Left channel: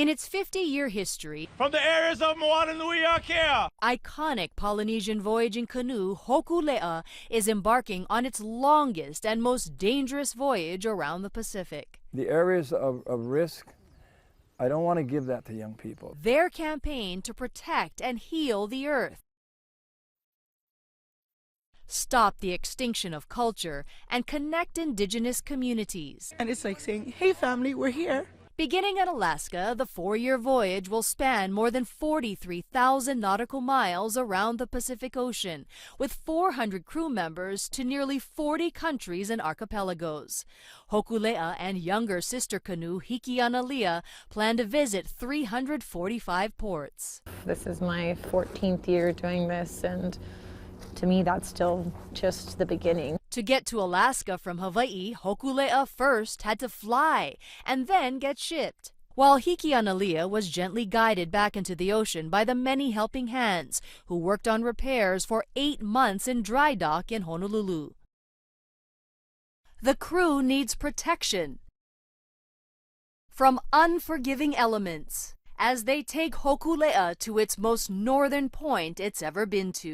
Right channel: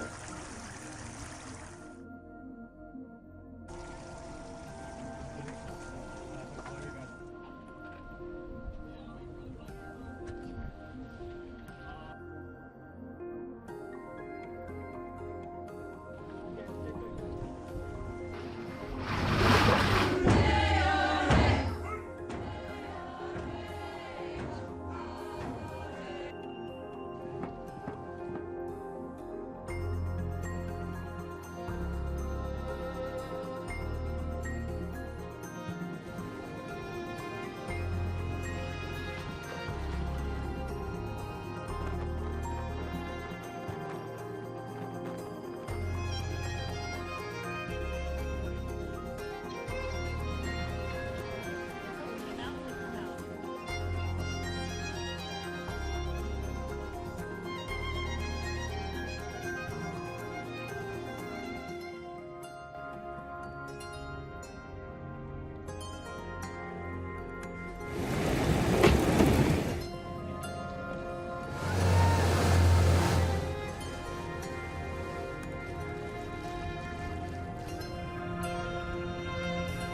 In its 50-year history, from the areas of Moananuiakea, iconic Polynesian voyaging canoe Hokulea is embarking on its longest and most dangerous voyage around the Pacific. The areas of risk, I don't want to give that to young people. Their campaign to protect and heal the earth, stop the extinction of culture, and connect indigenous communities. And it's like saying, hey family, we're here. Beginning at Alaska, the 4-year voyage will span more than 43,000 nautical miles around the Pacific Ocean, with 400 crew members to nearly 40 countries and archipelagos. Hokulea and younger sister canoe Yakitat plan to visit 345 ports. This is my 14th year doing this, and to me that's still just the beginning. To get to Alaska from Hawaii, Hokulea first had to fly and then get shipped, while Yakitat was gently guided back into the ocean by the many helping hands who worked on repairs for 8 months in dry dock in Honolulu. The crew needs protection from unforgiving elements as they take Hokulea to its most northern point it's ever been to.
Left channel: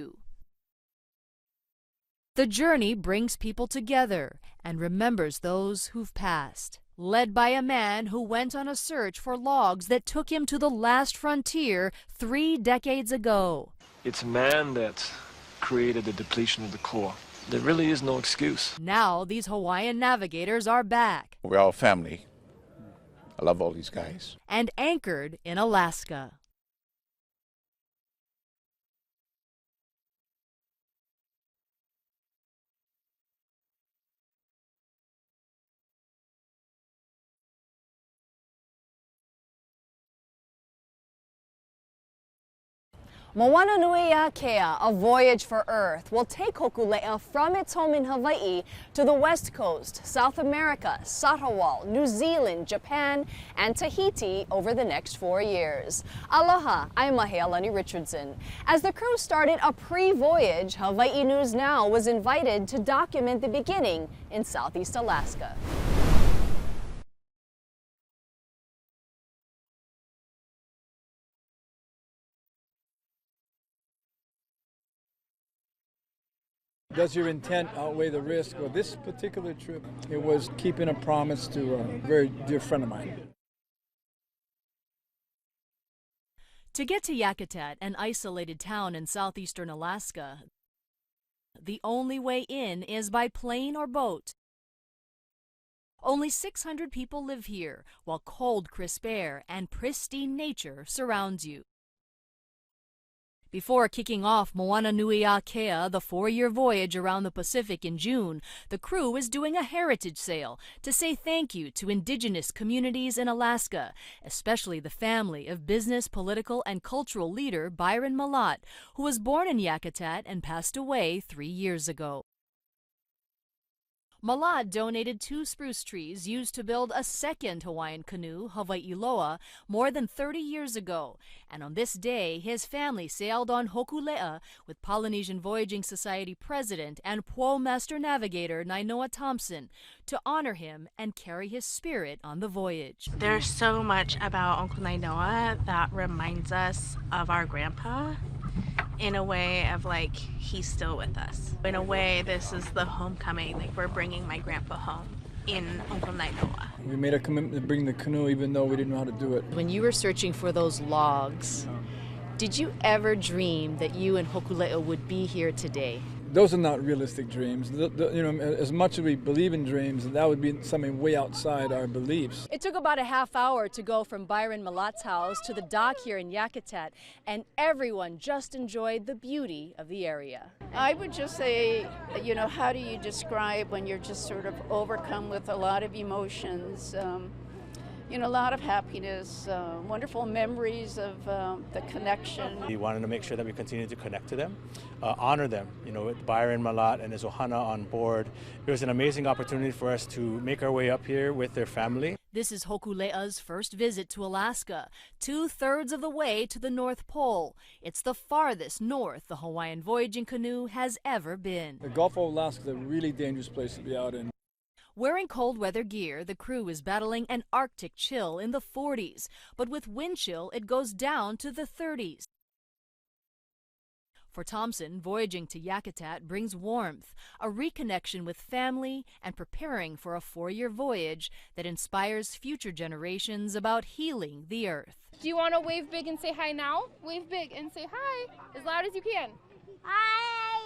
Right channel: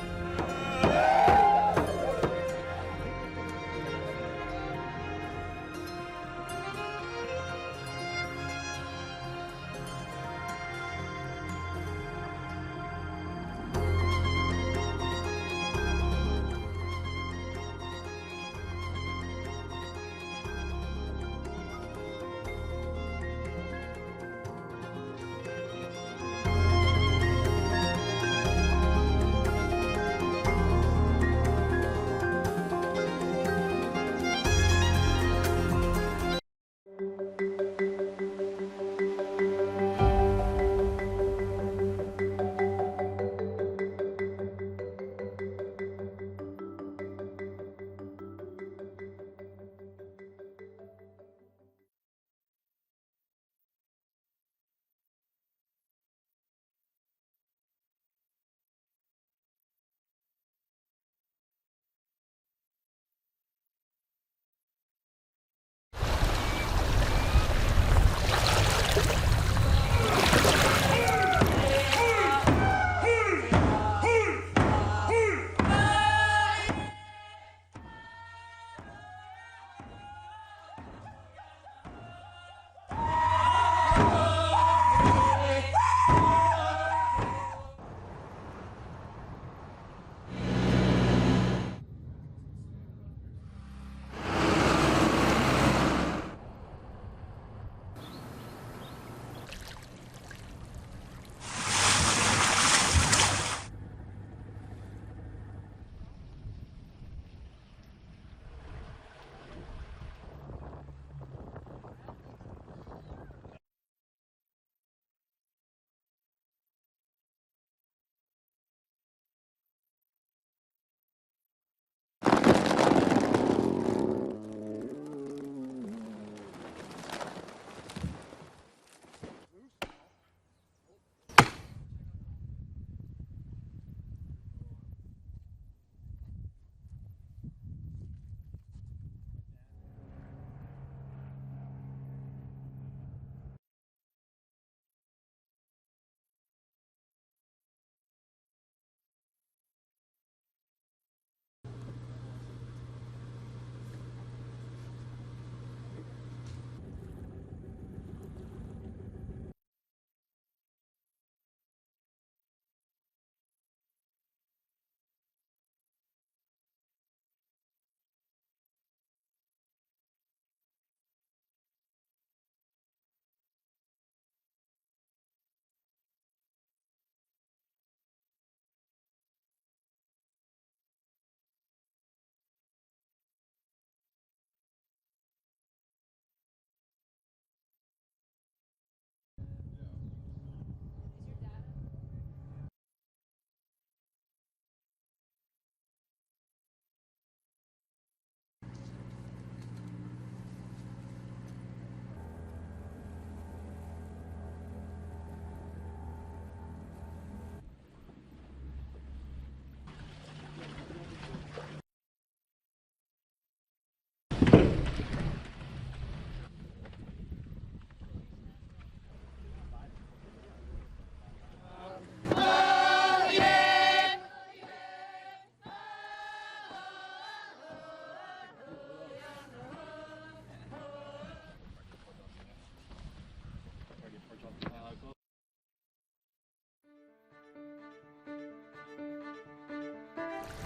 The journey brings people together and remembers those who've passed, led by a man who went on a search for logs that took him to the last frontier 3 decades ago. It's man that created the depletion of the core. There really is no excuse. Now these Hawaiian navigators are back. We're all family. I love all these guys. And anchored in Alaska. Moananuiakea, a voyage for Earth, will take Hokulea from its home in Hawaii to the West Coast, South America, Satawal, New Zealand, Japan, and Tahiti over the next 4 years. Aloha, I'm Alani Richardson. As the crew started a pre-voyage, Hawaii News Now was invited to document the beginning in Southeast Alaska. Does your intent outweigh the risk? Well, this particular trip, it was keeping a promise to a very dear friend of mine. To get to Yakitat, an isolated town in southeastern Alaska, the only way in is by plane or boat. Only 600 people live here, while cold, crisp air and pristine nature surrounds you. Before kicking off Moananuiakea, the 4-year voyage around the Pacific in June, the crew is doing a heritage sale to say thank you to indigenous communities in Alaska, especially the family of business, political, and cultural leader Byron Malat, who was born in Yakitat and passed away 3 years ago. Malat donated 2 spruce trees used to build a second Hawaiian canoe, Hawaiiloa, more than 30 years ago. And on this day, his family sailed on Hokulea with Polynesian Voyaging Society President and Po Master Navigator Nainoa Thompson to honor him and carry his spirit on the voyage. There's so much about Uncle Nainoa that reminds us of our grandpa, in a way of like he's still with us. In a way, this is the homecoming, like we're bringing my grandpa home in Uncle Nainoa. We made a commitment to bring the canoe even though we didn't know how to do it. When you were searching for those logs, did you ever dream that you and Hokulea would be here today? Those are not realistic dreams. You know, as much as we believe in dreams, that would be something way outside our beliefs. It took about a half hour to go from Byron Malat's house to the dock here in Yakitat, and everyone just enjoyed the beauty of the area. I would just say, you know, how do you describe when you're just sort of overcome with a lot of emotions? You know, a lot of happiness, wonderful memories of the connection. We wanted to make sure that we continue to connect to them, honor them. You know, with Byron Malat and his ohana on board, it was an amazing opportunity for us to make our way up here with their family. This is Hokulea's first visit to Alaska, 2/3 of the way to the North Pole. It's the farthest north the Hawaiian voyaging canoe has ever been. The Gulf of Alaska is a really dangerous place to be out in. Wearing cold weather gear, the crew is battling an Arctic chill in the 40s, but with wind chill, it goes down to the 30s. For Thompson, voyaging to Yakitat brings warmth, a reconnection with family, and preparing for a 4-year voyage that inspires future generations about healing the earth. Do you want to wave big and say hi now? Wave big and say hi as loud as you can. Hi!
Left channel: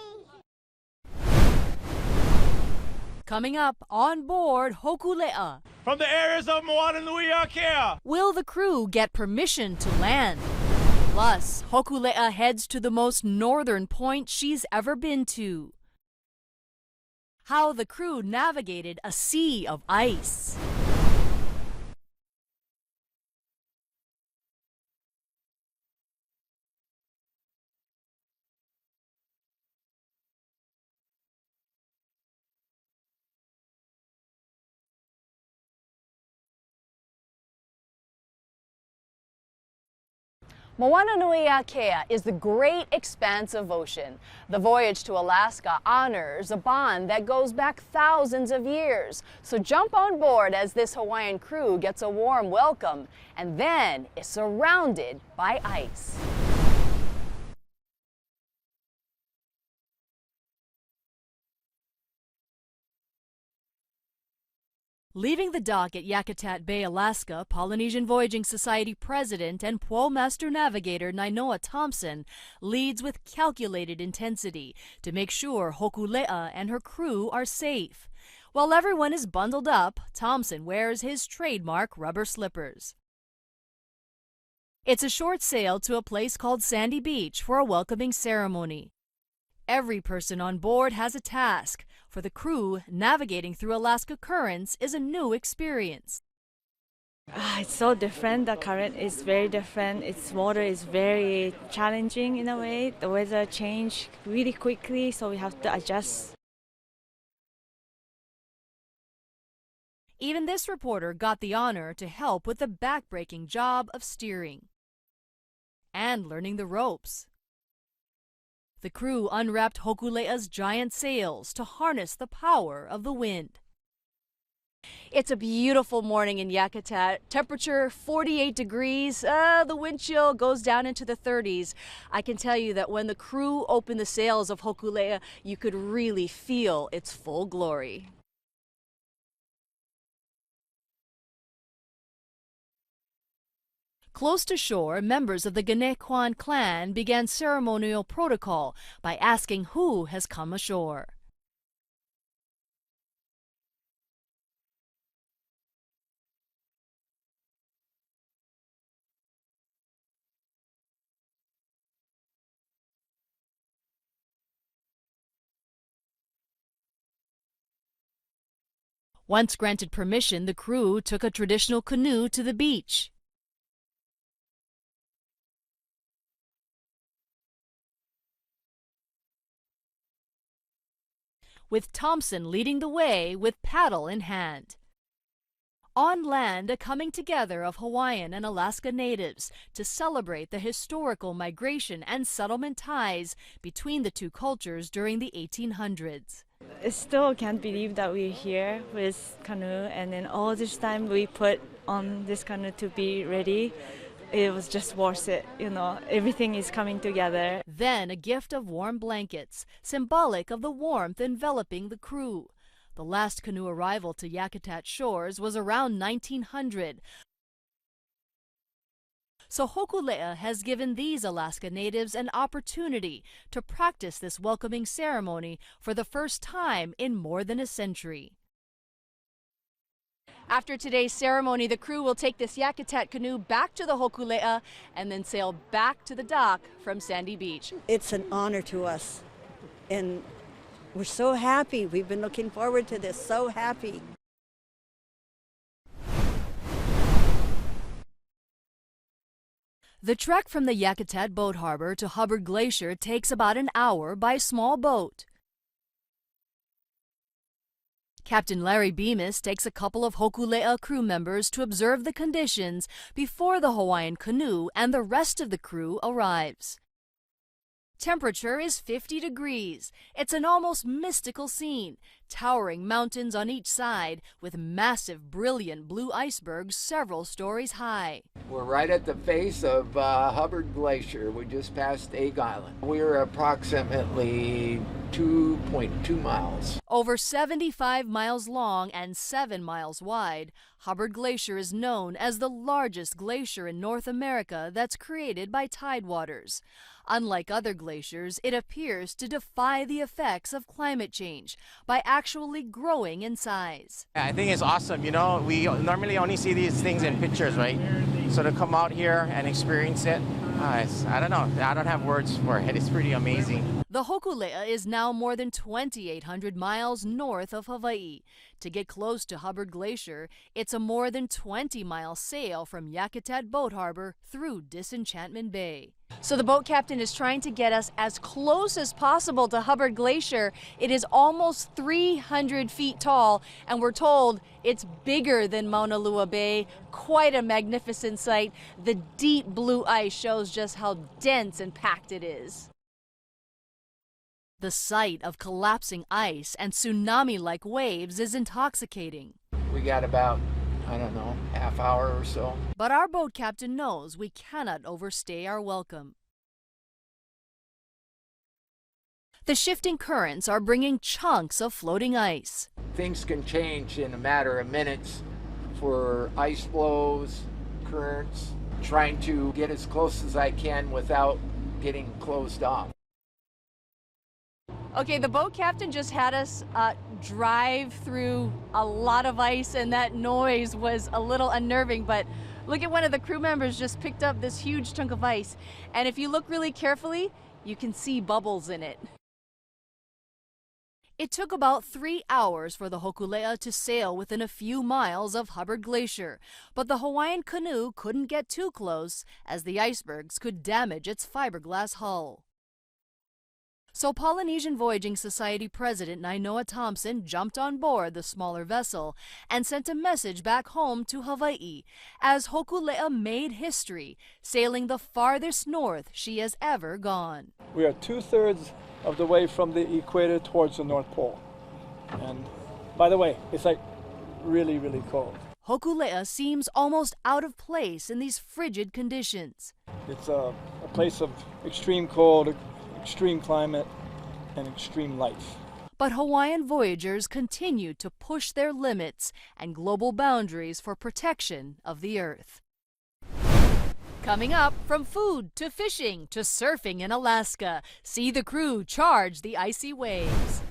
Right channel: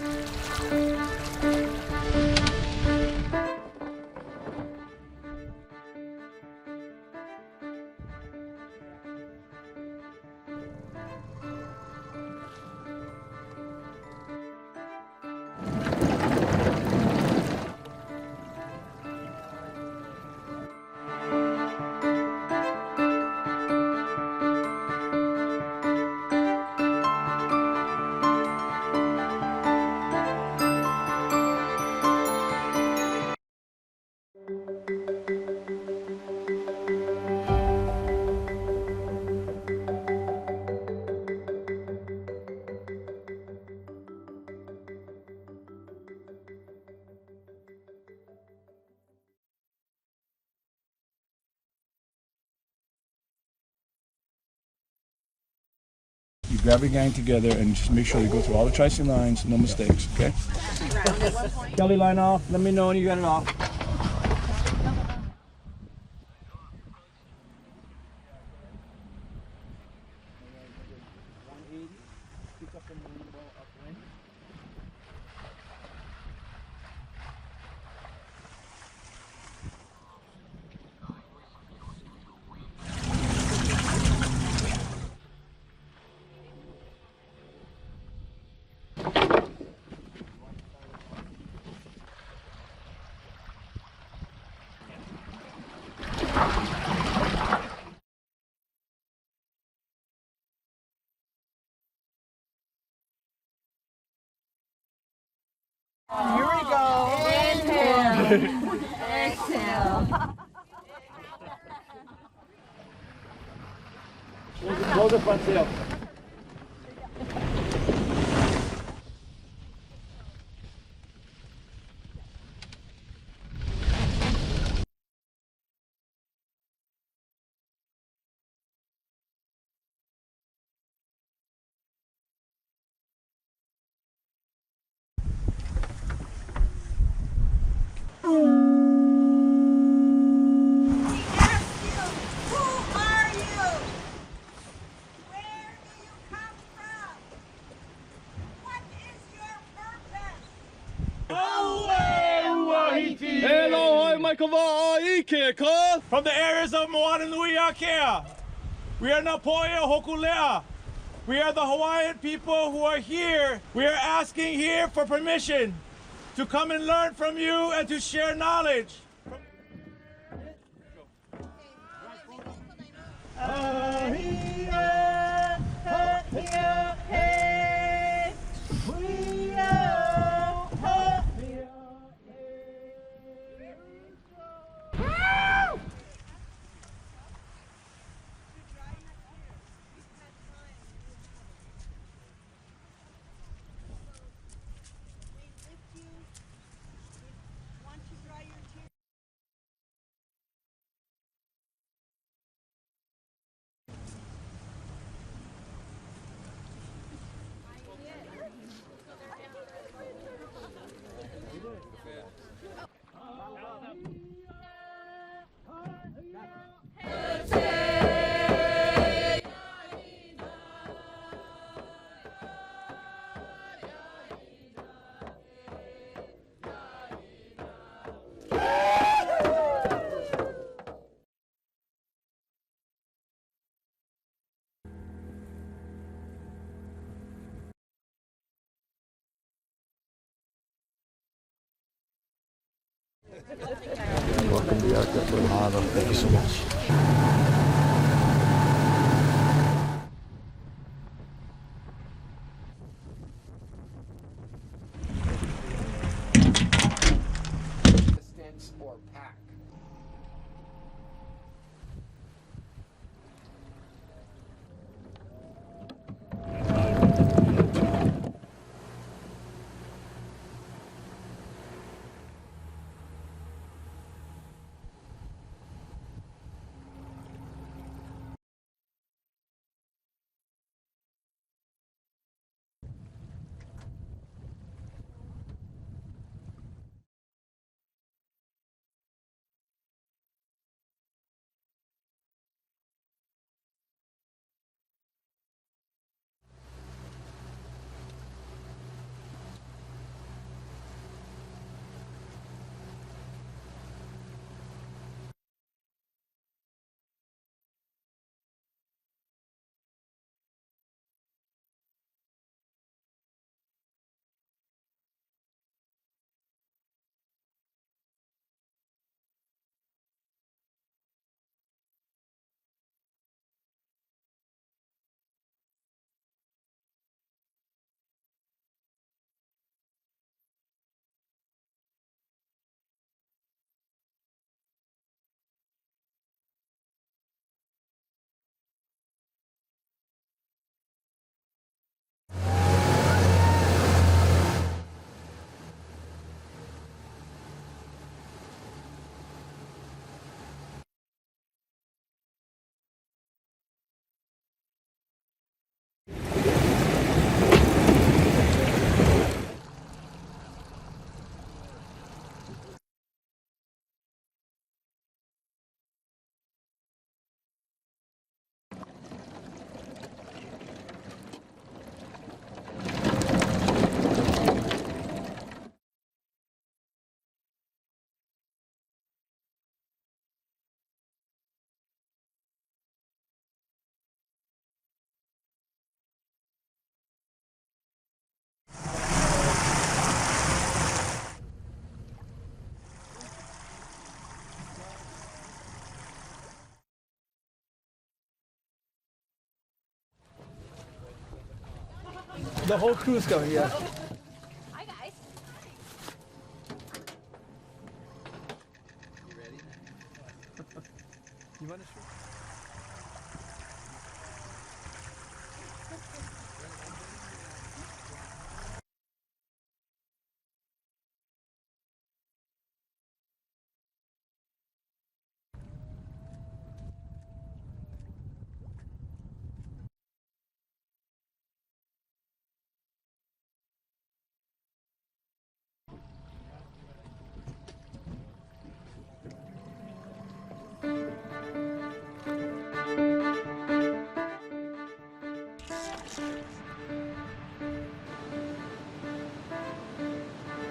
Coming up on board Hokulea. From the areas of Moananuiakea. Will the crew get permission to land? Plus, Hokulea heads to the most northern point she's ever been to. How the crew navigated a sea of ice. Moananuiakea is the great expanse of ocean. The voyage to Alaska honors a bond that goes back thousands of years. So jump on board as this Hawaiian crew gets a warm welcome and then is surrounded by ice. Grab your gang together and just make sure you go through all the tricing lines, no mistakes, okay? Kelly line off, let me know when you got it off. Leaving the dock at Yakitat Bay, Alaska, Polynesian Voyaging Society President and Pole Master Navigator Nainoa Thompson leads with calculated intensity to make sure Hokulea and her crew are safe. While everyone is bundled up, Thompson wears his trademark rubber slippers. It's a short sail to a place called Sandy Beach for a welcoming ceremony. Every person on board has a task. For the crew, navigating through Alaska currents is a new experience. It's so different. The current is very different. Its water is very challenging in a way. The weather changes really quickly, so we have to adjust. Here we go. Inhale. Exhale. Even this reporter got the honor to help with the back-breaking job of steering Close the front sail. and learning the ropes. The crew unwrapped Hokulea's giant sails to harness the power of the wind. It's a beautiful morning in Yakitat. Temperature 48 degrees. The wind chill goes down into the 30s. I can tell you that when the crew opened the sails of Hokulea, you could really feel its full glory. Close to shore, members of the Ganekwan clan began ceremonial protocol by asking who has come ashore. From the areas of Moananuiakea. We are Napoya Hokulea. We are the Hawaiian people who are here. We are asking here for permission to come and learn from you and to share knowledge. Once granted permission, the crew took a traditional canoe to the beach. With Thompson leading the way with paddle in hand. On land, a coming together of Hawaiian and Alaska natives to celebrate the historical migration and settlement ties between the two cultures during the 1800s. I still can't believe that we're here with canoe, and then all this time we put on this canoe to be ready. It was just worth it, you know, everything is coming together. Then a gift of warm blankets, symbolic of the warmth enveloping the crew. The last canoe arrival to Yakitat shores was around 1900. So Hokulea has given these Alaska natives an opportunity to practice this welcoming ceremony for the first time in more than a century. After today's ceremony, the crew will take this Yakitat canoe back to the Hokulea and then sail back to the dock from Sandy Beach. It's an honor to us, and we're so happy. We've been looking forward to this, so happy. Welcome to Yakitat. Thank you so much. The trek from the Yakitat boat harbor to Hubbard Glacier takes about an hour by small boat. Captain Larry Bemis takes a couple of Hokulea crew members to observe the conditions before the Hawaiian canoe and the rest of the crew arrives. Temperature is 50 degrees. It's an almost mystical scene. towering mountains on each side with massive, brilliant blue icebergs several stories high. We're right at the face of Hubbard Glacier. We just passed Egg Island. We're approximately 2.2 miles. Over 75 miles long and 7 miles wide, Hubbard Glacier is known as the largest glacier in North America that's created by tidewaters. Unlike other glaciers, it appears to defy the effects of climate change by actually growing in size. I think it's awesome. You know, we normally only see these things in pictures, right? So to come out here and experience it, I don't know. I don't have words for it. It's pretty amazing. The Hokulea is now more than 2,800 miles north of Hawaii. To get close to Hubbard Glacier, it's a more than 20-mile sail from Yakitat Boat Harbor through Disenchantment Bay. So the boat captain is trying to get us as close as possible to Hubbard Glacier. It is almost 300 feet tall, and we're told it's bigger than Moananuiakea Bay. Quite a magnificent sight. The deep blue ice shows just how dense and packed it is. The sight of collapsing ice and tsunami-like waves is intoxicating. We got about, I don't know, half hour or so. But our boat captain knows we cannot overstay our welcome. The shifting currents are bringing chunks of floating ice. Things can change in a matter of minutes for ice flows, currents, trying to get as close as I can without getting closed off. Okay, the boat captain just had us drive through a lot of ice, and that noise was a little unnerving, but look at one of the crew members just picked up this huge chunk of ice, and if you look really carefully, you can see bubbles in it. It took about 3 hours for the Hokulea to sail within a few miles of Hubbard Glacier, but the Hawaiian canoe couldn't get too close as the icebergs could damage its fiberglass hull. The whole crew's going, yeah. So Polynesian Voyaging Society President Nainoa Thompson jumped on board the smaller vessel and sent a message back home to Hawaii as Hokulea made history, sailing the farthest north she has ever gone. We are 2/3 of the way from the equator towards the North Pole. And by the way, it's like really, really cold. Hokulea seems almost out of place in these frigid conditions. It's a place of extreme cold, extreme climate, and extreme life. But Hawaiian voyagers continue to push their limits and global boundaries for protection of the Earth. Coming up, from food to fishing to surfing in Alaska, see the crew charge the icy waves.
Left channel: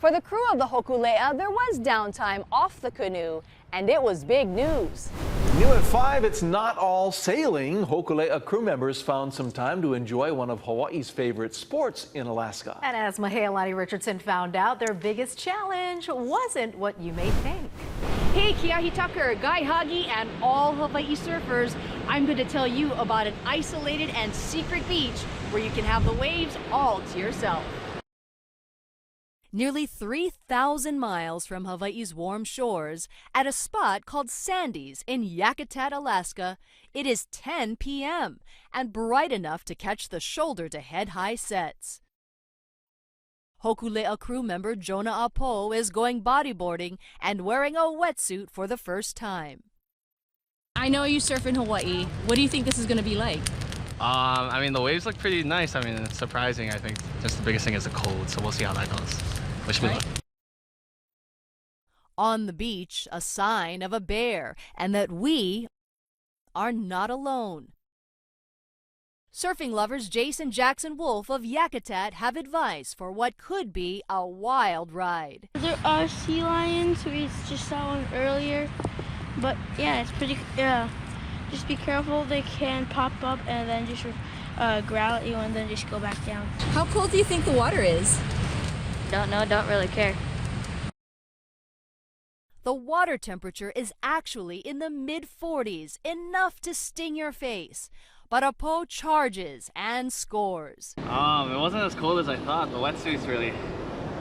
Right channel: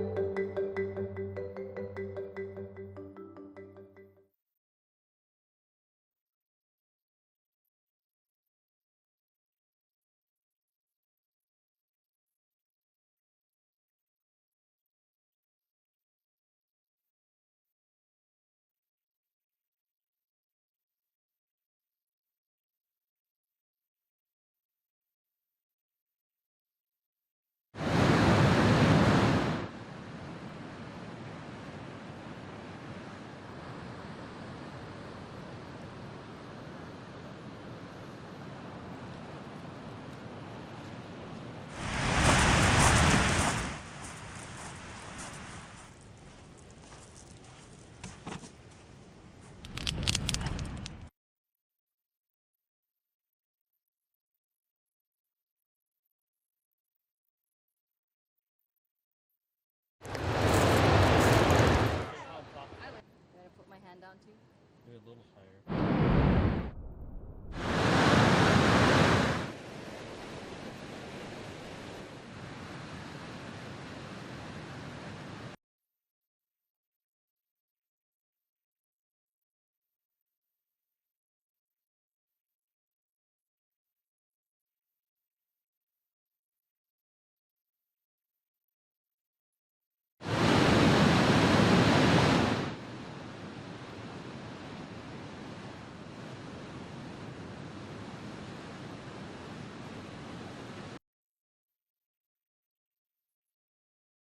For the crew of the Hokulea, there was downtime off the canoe, and it was big news. New at 5, it's not all sailing. Hokulea crew members found some time to enjoy one of Hawaii's favorite sports in Alaska. And as Mahealani Richardson found out, their biggest challenge wasn't what you may think. Hey, Kiahi Tucker, Guy Hagi, and all Hawaii surfers, I'm going to tell you about an isolated and secret beach where you can have the waves all to yourself. Nearly 3,000 miles from Hawaii's warm shores, at a spot called Sandy's in Yakitat, Alaska, it is 10 p.m. and bright enough to catch the shoulder-to-head high sets. Hokulea crew member Jonah Apo is going bodyboarding and wearing a wetsuit for the first time. I know you surf in Hawaii. What do you think this is going to be like? I mean, the waves look pretty nice. I mean, it's surprising. I think just the biggest thing is the cold, so we'll see how that goes. Wish me luck. On the beach, a sign of a bear, and that we are not alone. Surfing lovers Jason Jackson Wolf of Yakitat have advice for what could be a wild ride. There are sea lions, we just saw one earlier, but yeah, it's pretty, just be careful, they can pop up and then just growl at you and then just go back down. How cold do you think the water is? Don't know, don't really care. The water temperature is actually in the mid-40s, enough to sting your face. But Apo charges and scores. It wasn't as cold as I thought. The wetsuit's really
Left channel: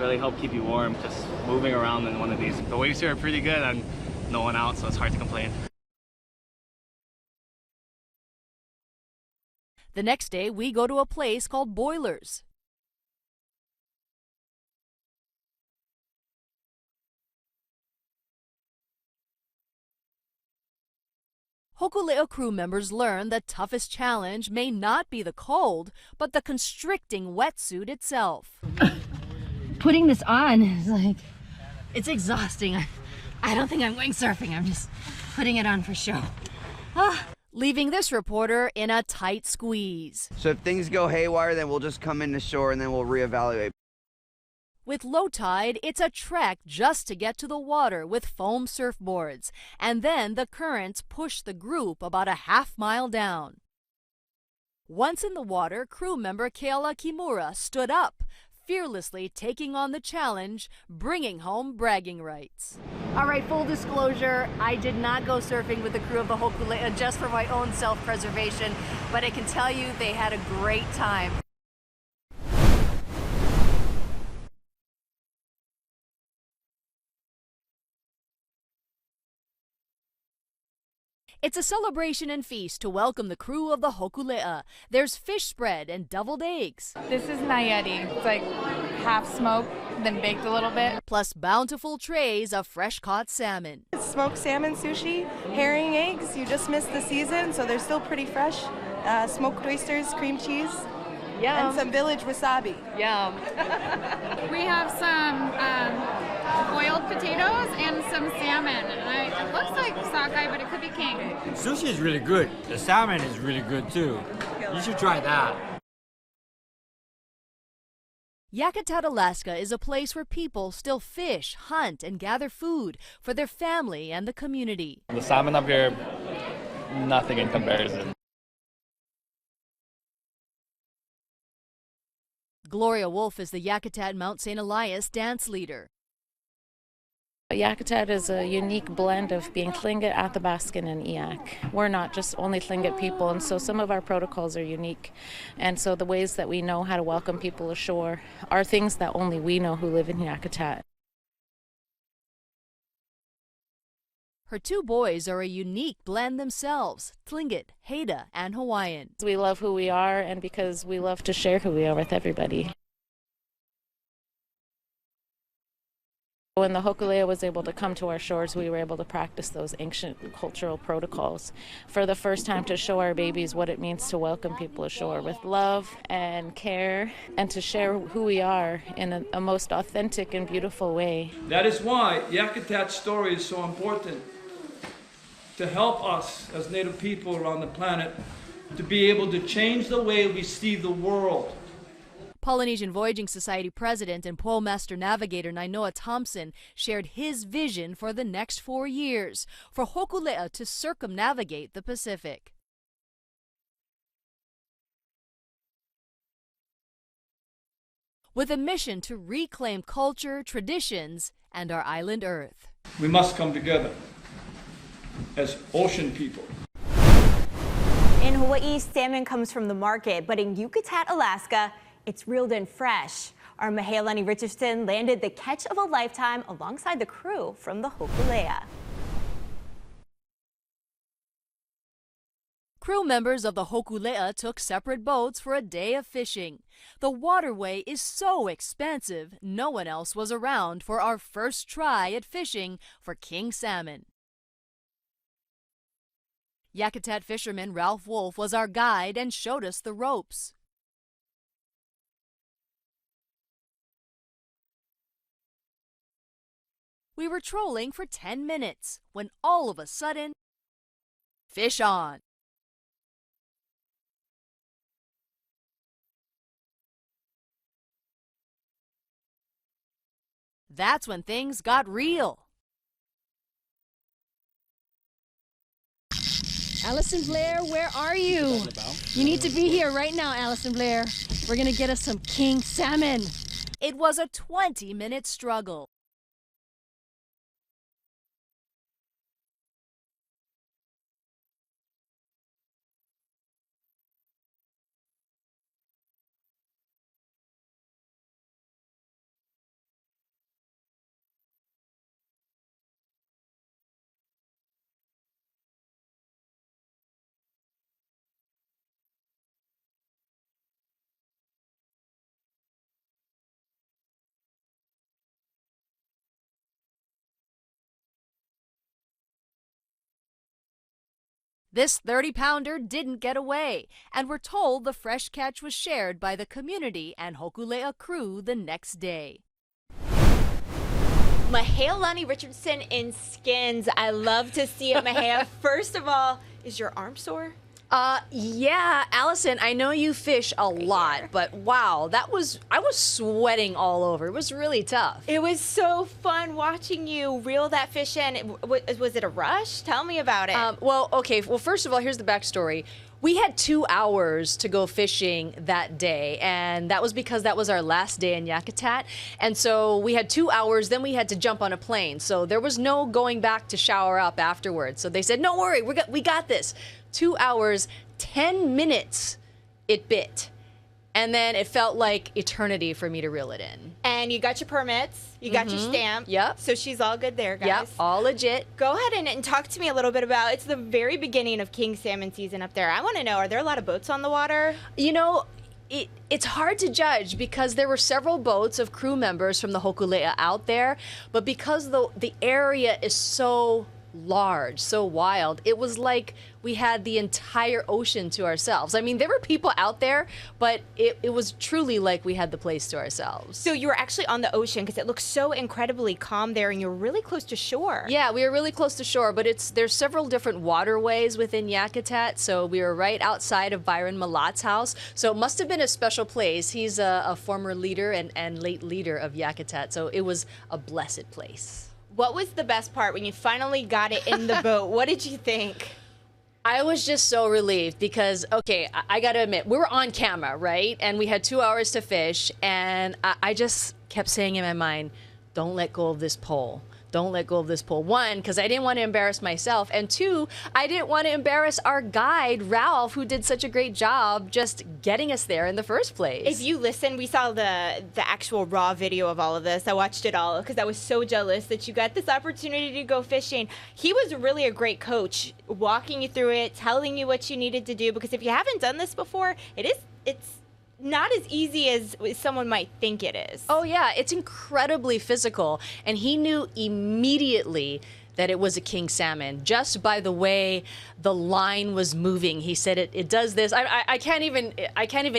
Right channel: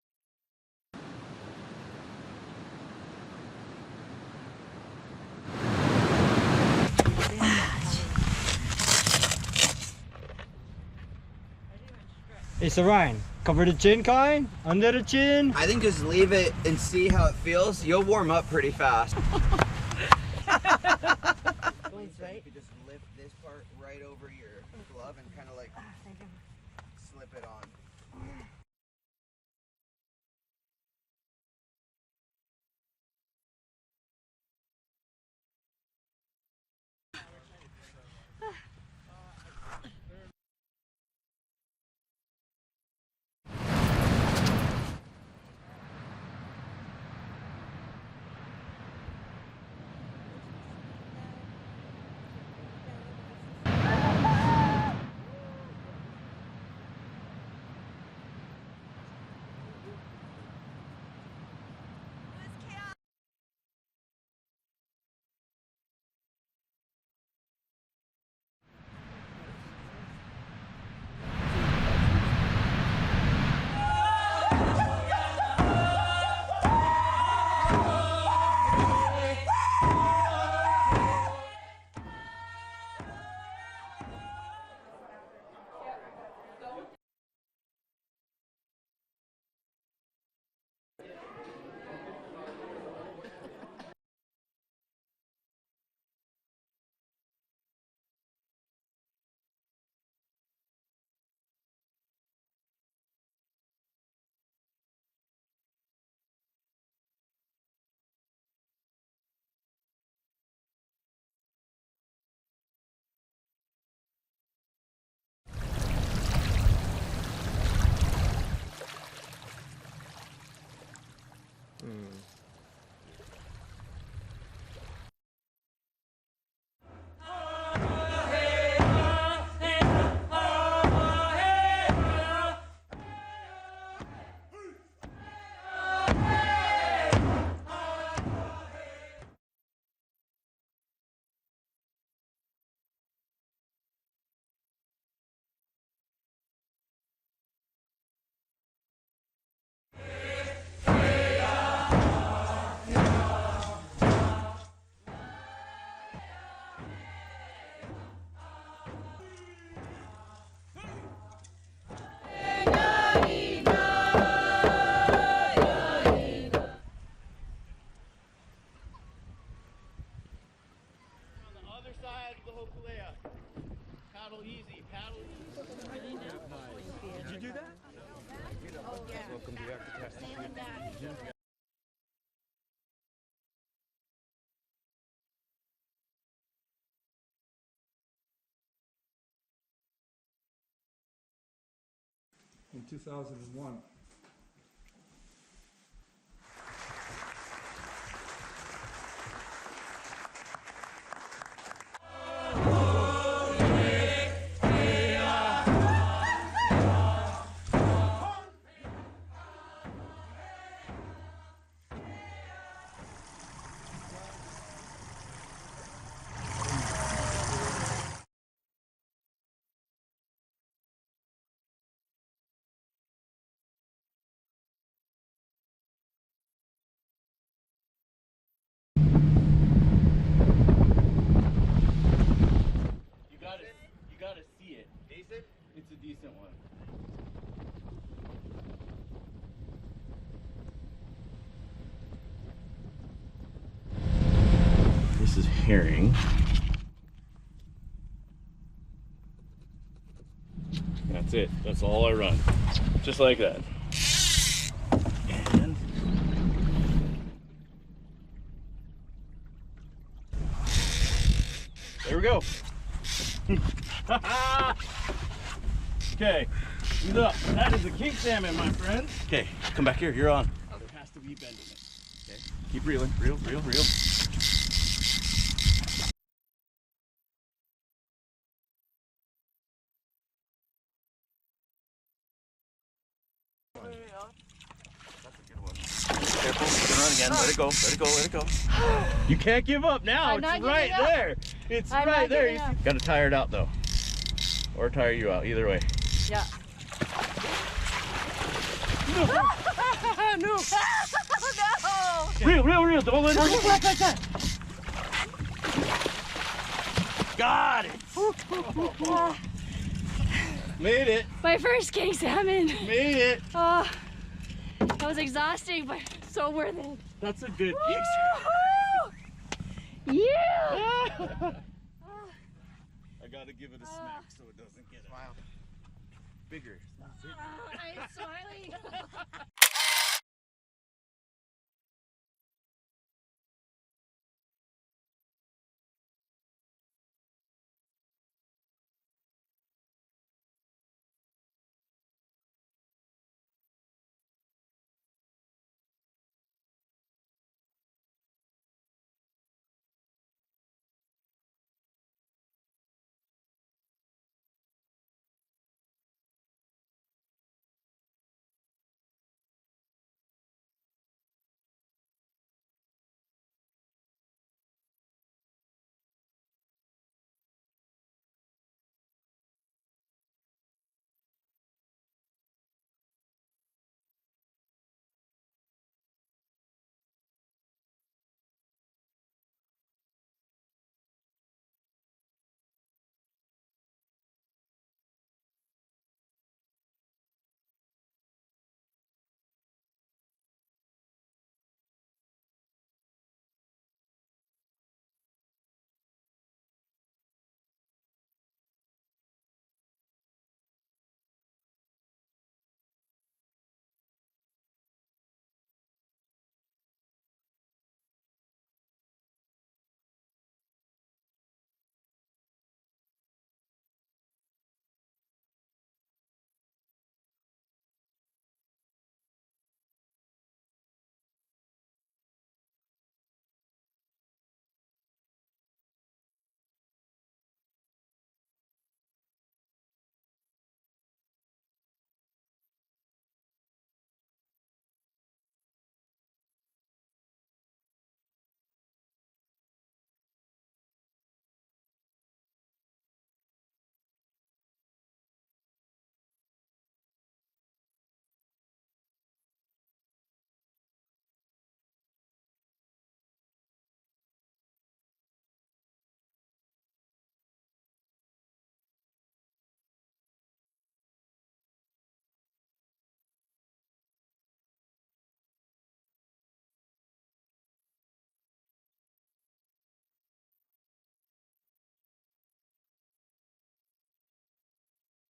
really help keep you warm, just moving around in one of these. The waves here are pretty good and no one out, so it's hard to complain. The next day, we go to a place called Boilers. It's Orion. Cover the chin, kind, under the chin. I think just leave it and see how it feels. You'll warm up pretty fast. Hokulea crew members learn the toughest challenge may not be the cold, but the constricting wetsuit itself. Putting this on is like, it's exhausting. I don't think I'm going surfing. I'm just putting it on for show. Leaving this reporter in a tight squeeze. So if things go haywire, then we'll just come into shore and then we'll reevaluate. With low tide, it's a trek just to get to the water with foam surfboards. And then the currents push the group about a half-mile down. Once in the water, crew member Keala Kimura stood up, fearlessly taking on the challenge, bringing home bragging rights. All right, full disclosure, I did not go surfing with the crew of the Hokulea just for my own self-preservation, but I can tell you they had a great time. It's a celebration and feast to welcome the crew of the Hokulea. There's fish spread and deviled eggs. This is nayari. It's like half smoked, then baked a little bit. Plus bountiful trays of fresh-caught salmon. Smoked salmon sushi, herring eggs. You just missed the season, so they're still pretty fresh. Smoked oysters, cream cheese, Yum. and some village wasabi. Yum. We have some boiled potatoes and some salmon. And it looks like sockeye, but it could be king. Sushi is really good. The salmon is really good too. You should try that. Yakitat, Alaska is a place where people still fish, hunt, and gather food for their family and the community. The salmon up here, nothing in comparison. Gloria Wolf is the Yakitat Mount St. Elias dance leader. Yakitat is a unique blend of being Tlingit, Athabaskan, and Eyak. We're not just only Tlingit people, and so some of our protocols are unique. And so the ways that we know how to welcome people ashore are things that only we know who live in Yakitat. Her two boys are a unique blend themselves, Tlingit, Haida, and Hawaiian. We love who we are, and because we love to share who we are with everybody. When the Hokulea was able to come to our shores, we were able to practice those ancient cultural protocols for the first time to show our babies what it means to welcome people ashore with love and care and to share who we are in a most authentic and beautiful way. That is why Yakitat's story is so important, to help us as Native people around the planet to be able to change the way we see the world. Polynesian Voyaging Society president and pole master navigator Nainoa Thompson shared his vision for the next 4 years for Hokulea to circumnavigate the Pacific. With a mission to reclaim culture, traditions, and our island earth. We must come together as ocean people. In Hawaii, salmon comes from the market, but in Yakitat, Alaska, it's reeled in fresh. Our Mahealani Richardson landed the catch of a lifetime alongside the crew from the Hokulea. Crew members of the Hokulea took separate boats for a day of fishing. The waterway is so expansive, no one else was around for our first try at fishing for king salmon. This is herring. Yakitat fisherman Ralph Wolf was our guide and showed us the ropes. That's it. That's all I run. Just like that. And we were trolling for 10 minutes when all of a sudden, fish on. Here we go. Okay, look, that is a king salmon, my friend. Okay, come back here. You're on. That's when things got real. Keep reeling. Reel. Allison Blair, where are you? You need to be here right now, Allison Blair. We're gonna get us some king salmon. It was a 20-minute struggle. Careful, it's gonna run again. Let it go. You can't give up now. It's right there. It's right there. You gotta tire it out though. Or tire you out, either way. Yeah. canoe. Oh, no! Real. Don't let it. Got it. Made it. My first king salmon. Made it. Oh, that was exhausting, but so worth it. That's a good Yeah! This 30-pounder didn't get away, and we're told the fresh catch was shared by the community and Hokulea crew the next day. Mahea Richardson in skins. I love to see it, Mahea. First of all, is your arm sore? Yeah, Allison, I know you fish a lot, but wow, I was sweating all over. It was really tough. It was so fun watching you reel that fish in. Was it a rush? Tell me about it. Well, first of all, here's the backstory. We had 2 hours to go fishing that day, and that was because that was our last day in Yakitat. And so we had 2 hours, then we had to jump on a plane. So there was no going back to shower up afterwards. So they said, "No worry, we got this." 2 hours, 10 minutes it bit. And then it felt like eternity for me to reel it in. And you got your permits, you got your stamp. Yep. So she's all good there, guys. Yep, all legit. Go ahead and talk to me a little bit about, it's the very beginning of king salmon season up there. I want to know, are there a lot of boats on the water? You know, it's hard to judge because there were several boats of crew members from the Hokulea out there, but because the area is so large, so wild, it was like we had the entire ocean to ourselves. I mean, there were people out there, but it was truly like we had the place to ourselves. So you were actually on the ocean because it looks so incredibly calm there and you're really close to shore. Yeah, we were really close to shore, but there's several different waterways within Yakitat, so we were right outside of Byron Malat's house, so it must have been a special place. He's a former leader and late leader of Yakitat, so it was a blessed place. What was the best part when you finally got it in the boat? What did you think? I was just so relieved because, okay, I gotta admit, we were on camera, right? And we had 2 hours to fish, and I just kept saying in my mind, don't let go of this pole. Don't let go of this pole. 1, because I didn't want to embarrass myself, and 2, I didn't want to embarrass our guide, Ralph, who did such a great job just getting us there in the first place. If you listen, we saw the actual raw video of all of this. I watched it all because I was so jealous that you got this opportunity to go fishing. He was really a great coach, walking you through it, telling you what you needed to do, because if you haven't done this before, it's not as easy as someone might think it is. Oh yeah, it's incredibly physical, and he knew immediately that it was a king salmon just by the way the line was moving. He said it does this. I can't even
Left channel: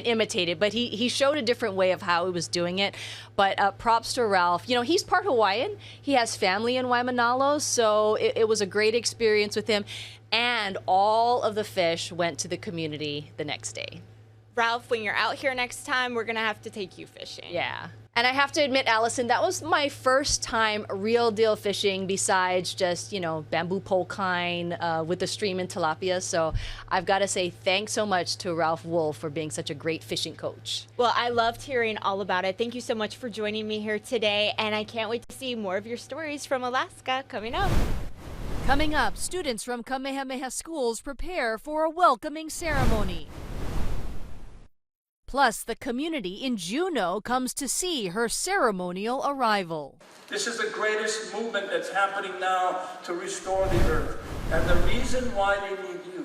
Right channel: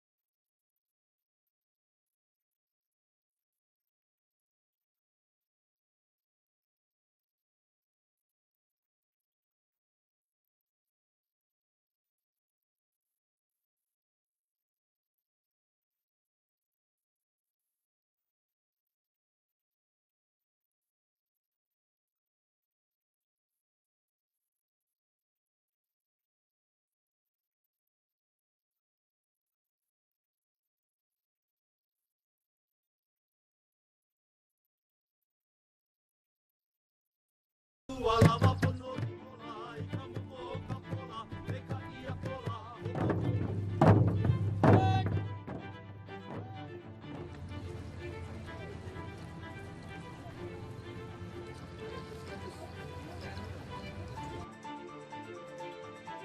imitate it, but he showed a different way of how he was doing it. But props to Ralph. You know, he's part Hawaiian. He has family in Waimanalo, so it was a great experience with him, and all of the fish went to the community the next day. Ralph, when you're out here next time, we're gonna have to take you fishing. Yeah. And I have to admit, Allison, that was my first time real deal fishing besides just, you know, bamboo pole kind with the stream and tilapia. So I've got to say thanks so much to Ralph Wolf for being such a great fishing coach. Well, I loved hearing all about it. Thank you so much for joining me here today. And I can't wait to see more of your stories from Alaska coming up. Coming up, students from Kamehameha schools prepare for a welcoming ceremony. Plus, the community in Juneau comes to see her ceremonial arrival. This is the greatest movement that's happening now to restore the earth. And the reason why they need you,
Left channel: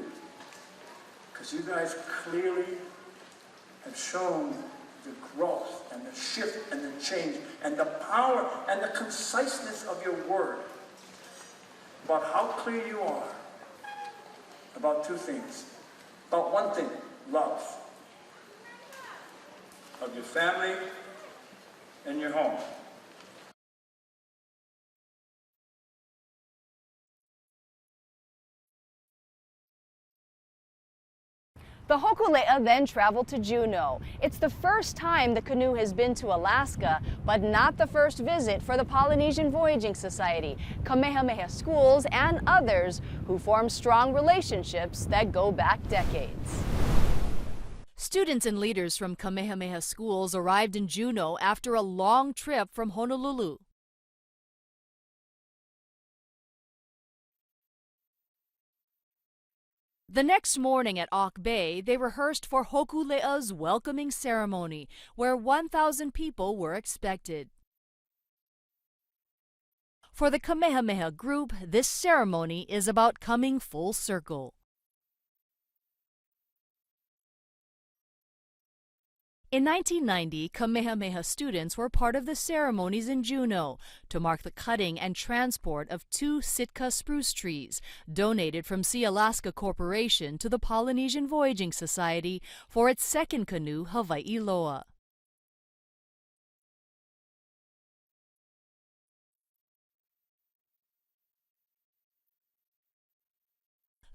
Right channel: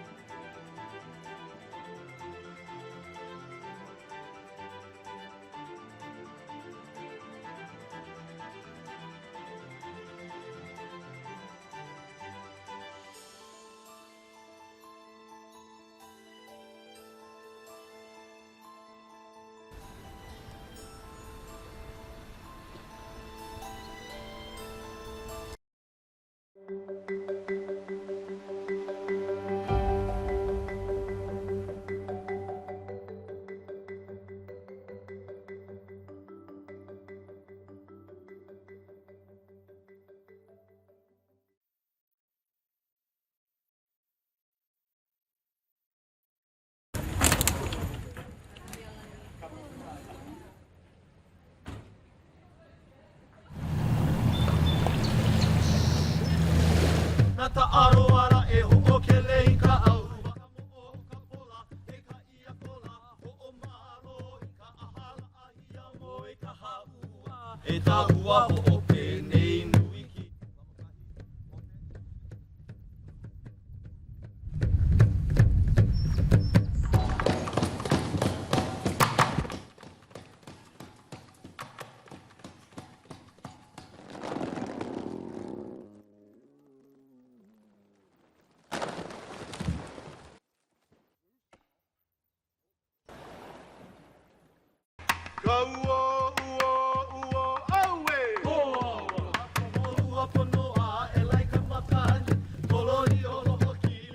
because you guys clearly have shown the growth and the shift and the change and the power and the conciseness of your word about how clear you are about 2 things. About 1 thing, love. Of your family and your home. The Hokulea then traveled to Juneau. It's the first time the canoe has been to Alaska, but not the first visit for the Polynesian Voyaging Society, Kamehameha schools, and others who form strong relationships that go back decades. Students and leaders from Kamehameha schools arrived in Juneau after a long trip from Honolulu. The next morning at Auk Bay, they rehearsed for Hokulea's welcoming ceremony, where 1,000 people were expected. For the Kamehameha group, this ceremony is about coming full circle. In 1990, Kamehameha students were part of the ceremonies in Juneau to mark the cutting and transport of 2 Sitka spruce trees donated from Sea Alaska Corporation to the Polynesian Voyaging Society for its second canoe, Hawaii Loa.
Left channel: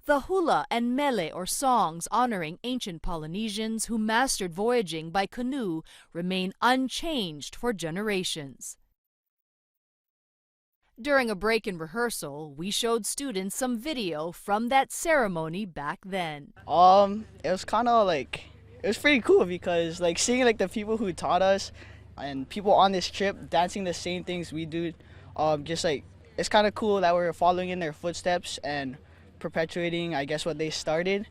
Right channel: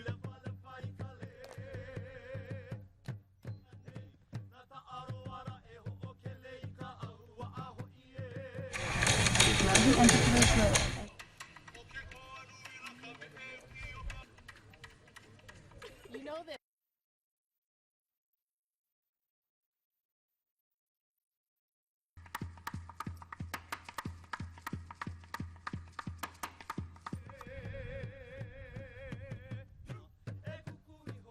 The hula and mele, or songs honoring ancient Polynesians who mastered voyaging by canoe, remain unchanged for generations. During a break in rehearsal, we showed students some video from that ceremony back then. It was kind of like, it was pretty cool because like seeing like the people who taught us and people on this trip dancing the same things we do, just like, it's kind of cool that we're following in their footsteps and perpetuating, I guess, what they started.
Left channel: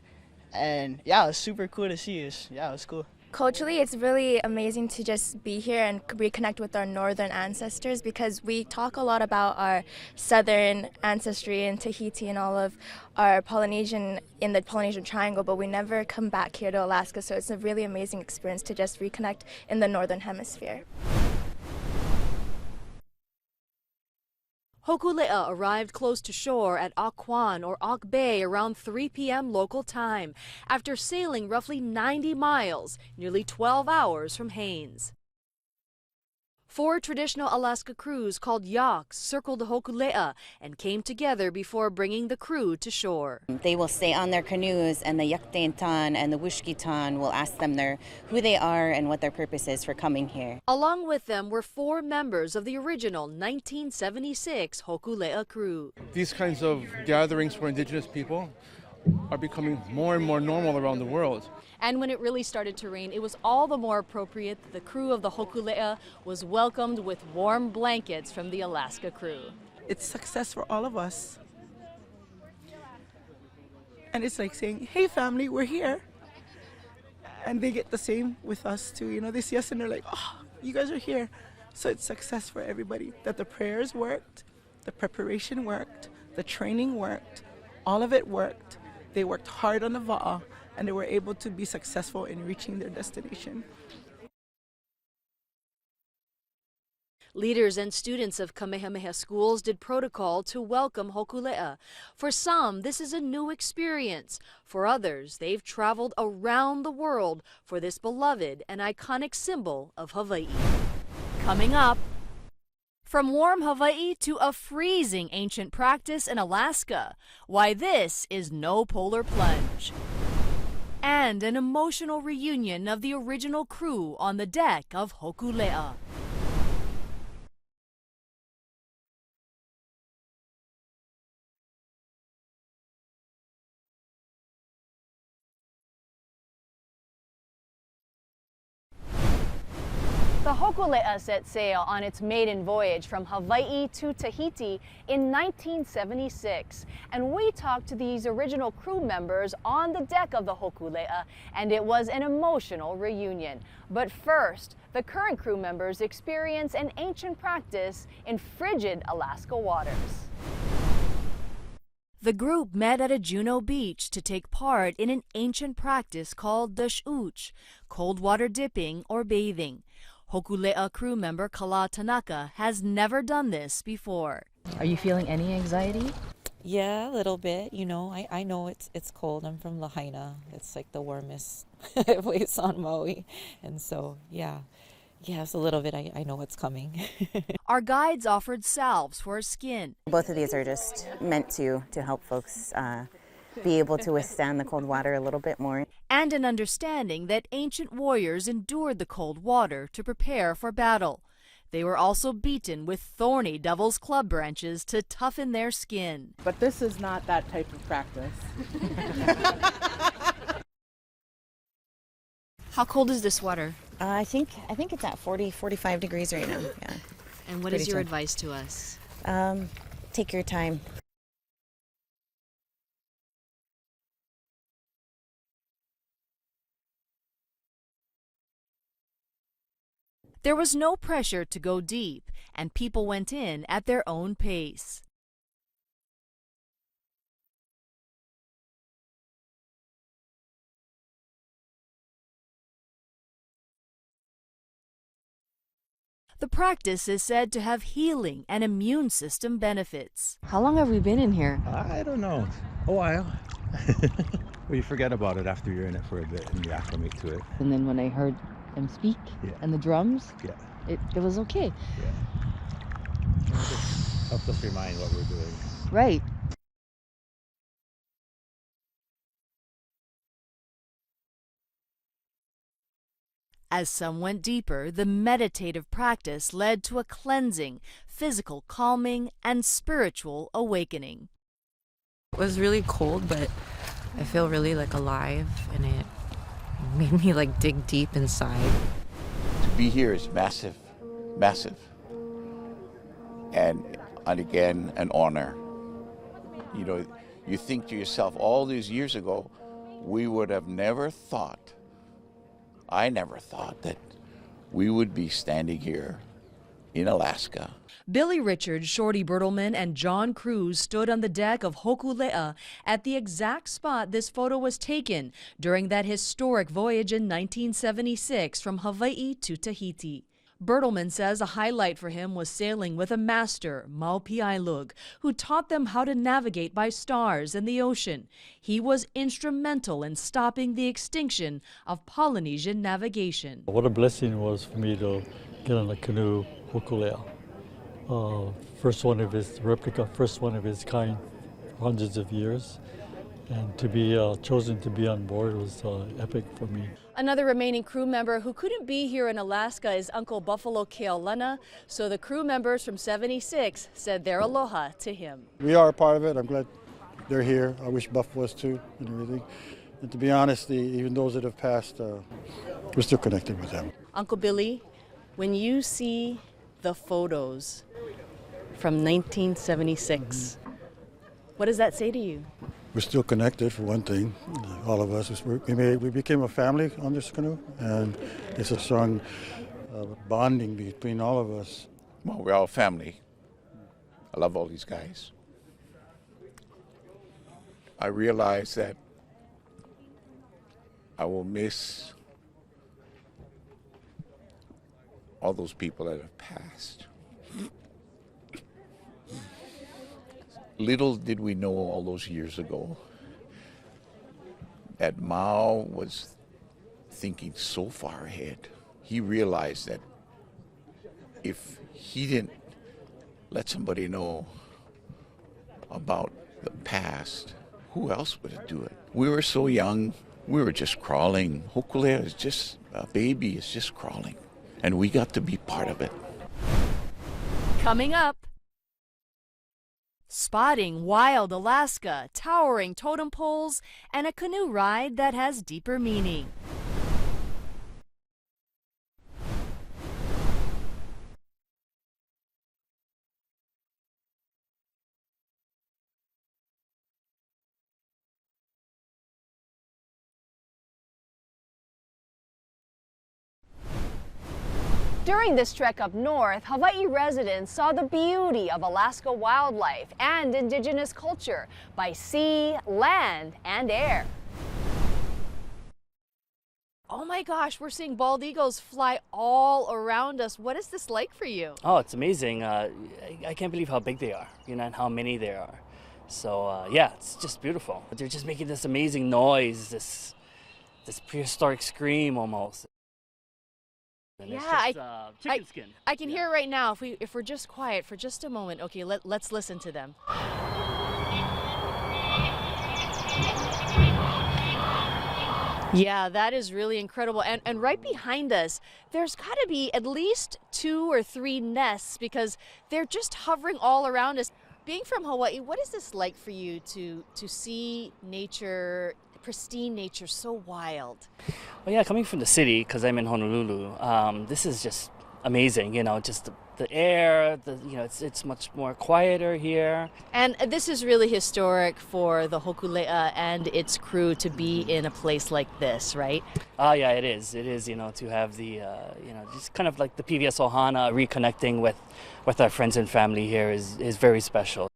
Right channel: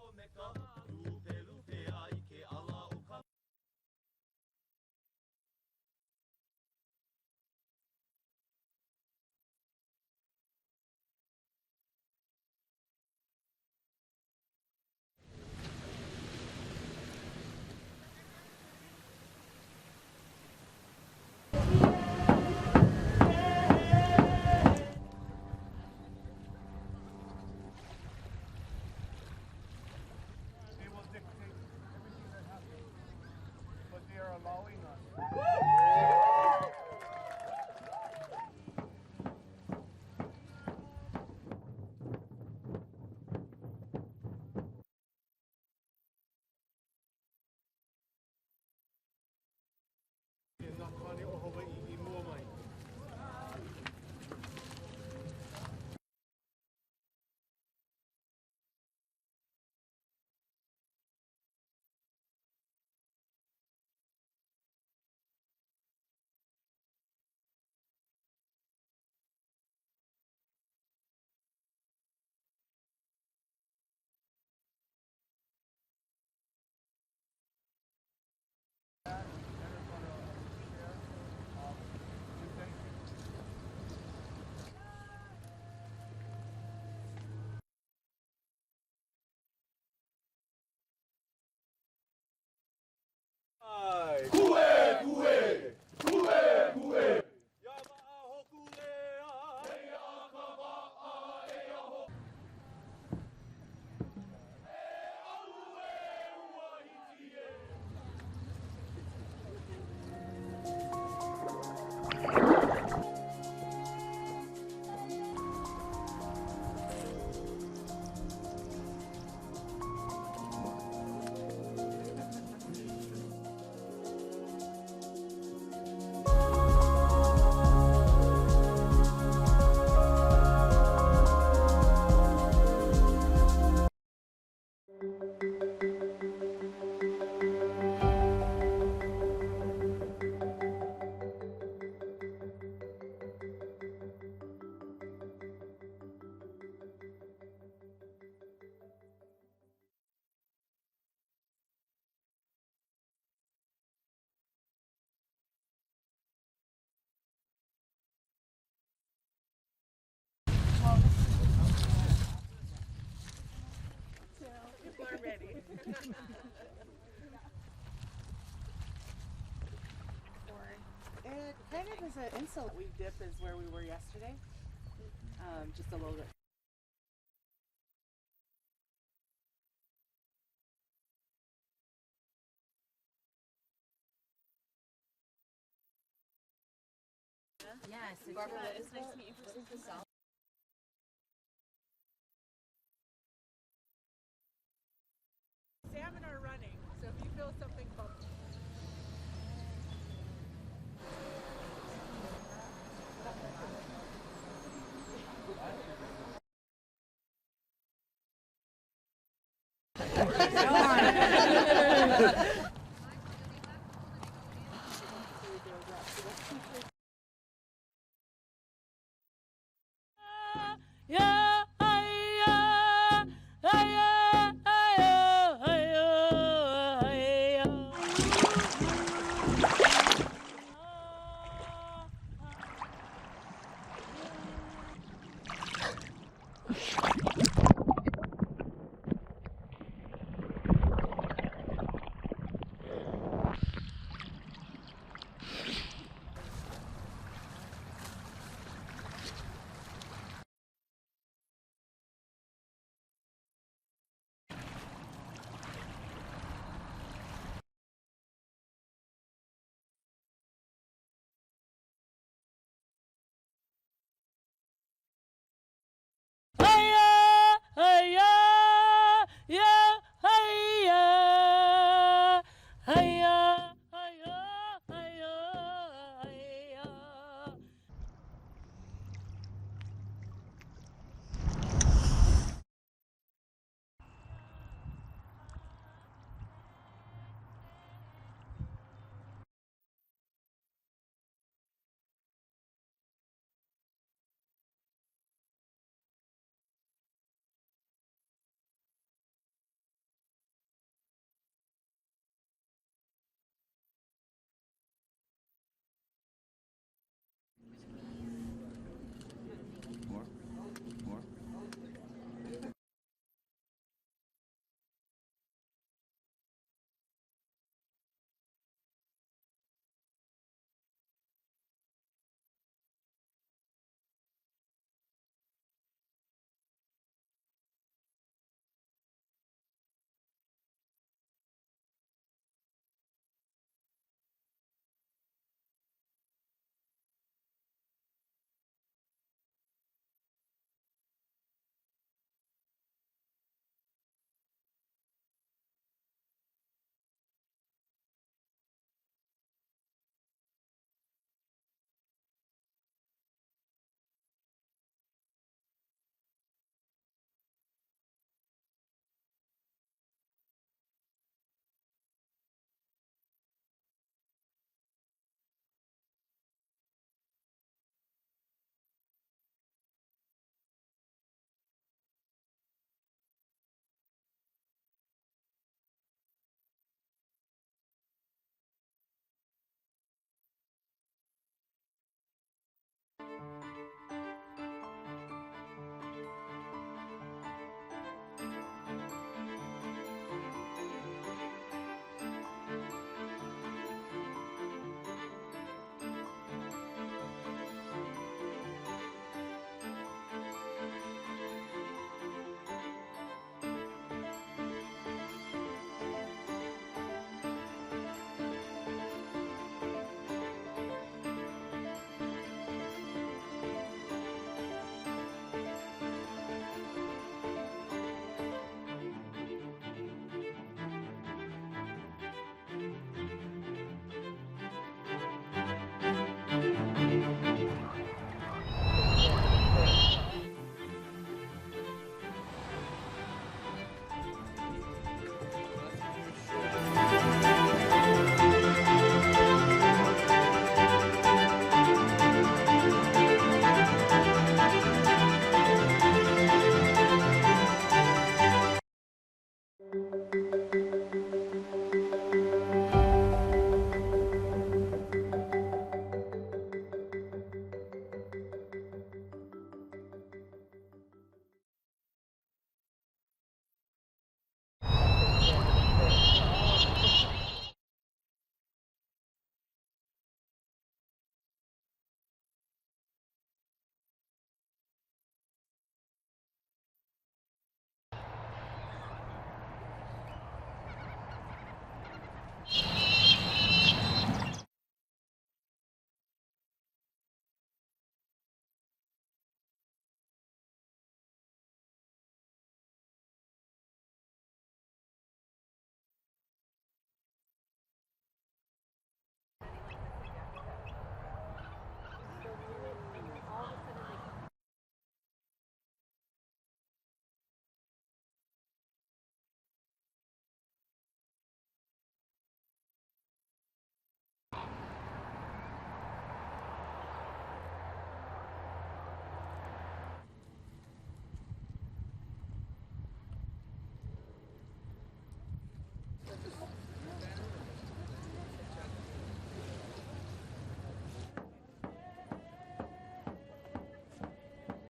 And yeah, it was super cool to see. Yeah, it was cool. Culturally, it's really amazing to just be here and reconnect with our northern ancestors, because we talk a lot about our southern ancestry in Tahiti and all of our Polynesian in the Polynesian Triangle, but we never come back here to Alaska, so it's a really amazing experience to just reconnect in the northern hemisphere. Hokulea arrived close to shore at Auk or Auk Bay around 3 p.m. local time after sailing roughly 90 miles, nearly 12 hours from Haines. 4 traditional Alaska crews called yaks circled Hokulea and came together before bringing the crew to shore. They will stay on their canoes, and the Yaktaintan and the Wushkitan will ask them who they are and what their purpose is for coming here. Along with them were 4 members of the original 1976 Hokulea crew. These kinds of gatherings for Indigenous people are becoming more and more normal around the world. And when it really started to rain, it was all the more appropriate that the crew of the Hokulea was welcomed with warm blankets from the Alaska crew. It's success for all of us. And it's like saying, hey family, we're here. And they get the same with us too. You know, they see us and they're like, oh, you guys are here. So it's success for everybody. That the prayers worked, the preparation worked, the training worked, all of it worked. They worked hard on the va'a, and they were able to be successful in reaching their destination. Leaders and students of Kamehameha schools did protocol to welcome Hokulea. For some, this is a new experience. For others, they've traveled around the world for this beloved and iconic symbol of Hawaii. Coming up, from warm Hawaii to a freezing ancient practice in Alaska, why this is no polar plunge. And an emotional reunion of the original crew on the deck of Hokulea. The Hokulea set sail on its maiden voyage from Hawaii to Tahiti in 1976, and we talked to these original crew members on the deck of the Hokulea, and it was an emotional reunion. But first, the current crew members experience an ancient practice in frigid Alaska waters. The group met at a Juneau beach to take part in an ancient practice called the sh'uch, cold water dipping or bathing. Hokulea crew member Kala Tanaka has never done this before. Are you feeling any anxiety? Yeah, a little bit. You know, I know it's cold. I'm from Lahaina. It's like the warmest place on Maui. And so, yeah, it's a little bit. I know what's coming. Our guides offered salves for skin. Both of these are just meant to help folks be able to withstand the cold water a little bit more. And an understanding that ancient warriors endured the cold water to prepare for battle. They were also beaten with thorny devil's club branches to toughen their skin. But this is not that type of practice. How cold is this water? I think it's at 45 degrees right now. Yeah. And what is your advice to us? Take your time. There was no pressure to go deep, and people went in at their own pace. The practice is said to have healing and immune system benefits. How long have we been in here? I don't know. A while. Well, you forget about it after you're in it for a bit and you acclimate to it. And then when I heard them speak and the drums, it was okay. It just helps us remind what we're doing. Right. As some went deeper, the meditative practice led to a cleansing, physical calming, and spiritual awakening. It was really cold, but I feel really like alive, and it made me like dig deep inside. To be here is massive, massive. And again, an honor. You know, you think to yourself, all these years ago, we would have never thought, I never thought that we would be standing here in Alaska. Billy Richards, Shorty Bertelman, and John Cruz stood on the deck of Hokulea at the exact spot this photo was taken during that historic voyage in 1976 from Hawaii to Tahiti. Bertelman says a highlight for him was sailing with a master, Maupiailug, who taught them how to navigate by stars in the ocean. He was instrumental in stopping the extinction of Polynesian navigation. What a blessing it was for me to get on a canoe, Hokulea. First one of its replica, first one of its kind, for hundreds of years. And to be chosen to be on board was epic for me. Another remaining crew member who couldn't be here in Alaska is Uncle Buffalo Keaulana, so the crew members from 76 said their aloha to him. We are a part of it. I'm glad they're here. I wish Buff was too and everything. And to be honest, even those that have passed, we're still connected with them. Uncle Billy, when you see the photos from 1976, what does that say to you? We're still connected, for one thing, all of us. We became a family on this canoe, and it's a strong bonding between all of us. Well, we're all family. I love all these guys. I realize that I will miss all those people that have passed. Little did we know all those years ago that Mao was thinking so far ahead. He realized that if he didn't let somebody know about the past, who else would do it? We were so young, we were just crawling. Hokulea is just a baby, is just crawling. And we got to be part of it. Coming up, spotting wild Alaska, towering totem poles, and a canoe ride that has deeper meaning. During this trek up north, Hawaii residents saw the beauty of Alaska wildlife and indigenous culture by sea, land, and air. Oh my gosh, we're seeing bald eagles fly all around us. What is this like for you? Oh, it's amazing. I can't believe how big they are, you know, and how many there are. So yeah, it's just beautiful. They're just making this amazing noise, this prehistoric scream almost. Chicken skin. I can hear it right now if we're just quiet for just a moment. Okay, let's listen to them. Yeah, that is really incredible. And right behind us, there's got to be at least 2 or 3 nests because they're just hovering all around us. Being from Hawaii, what is this like for you to see nature, pristine nature, so wild? Well, yeah, coming from the city, because I'm in Honolulu, this is just amazing. You know, just the air. It's much more quieter here. And this is really historic for the Hokulea and its crew to be in a place like this, right? Oh yeah, it is. It is. You know, to have the it's kind of like the PBS Ohana, reconnecting with our friends and family here is very special.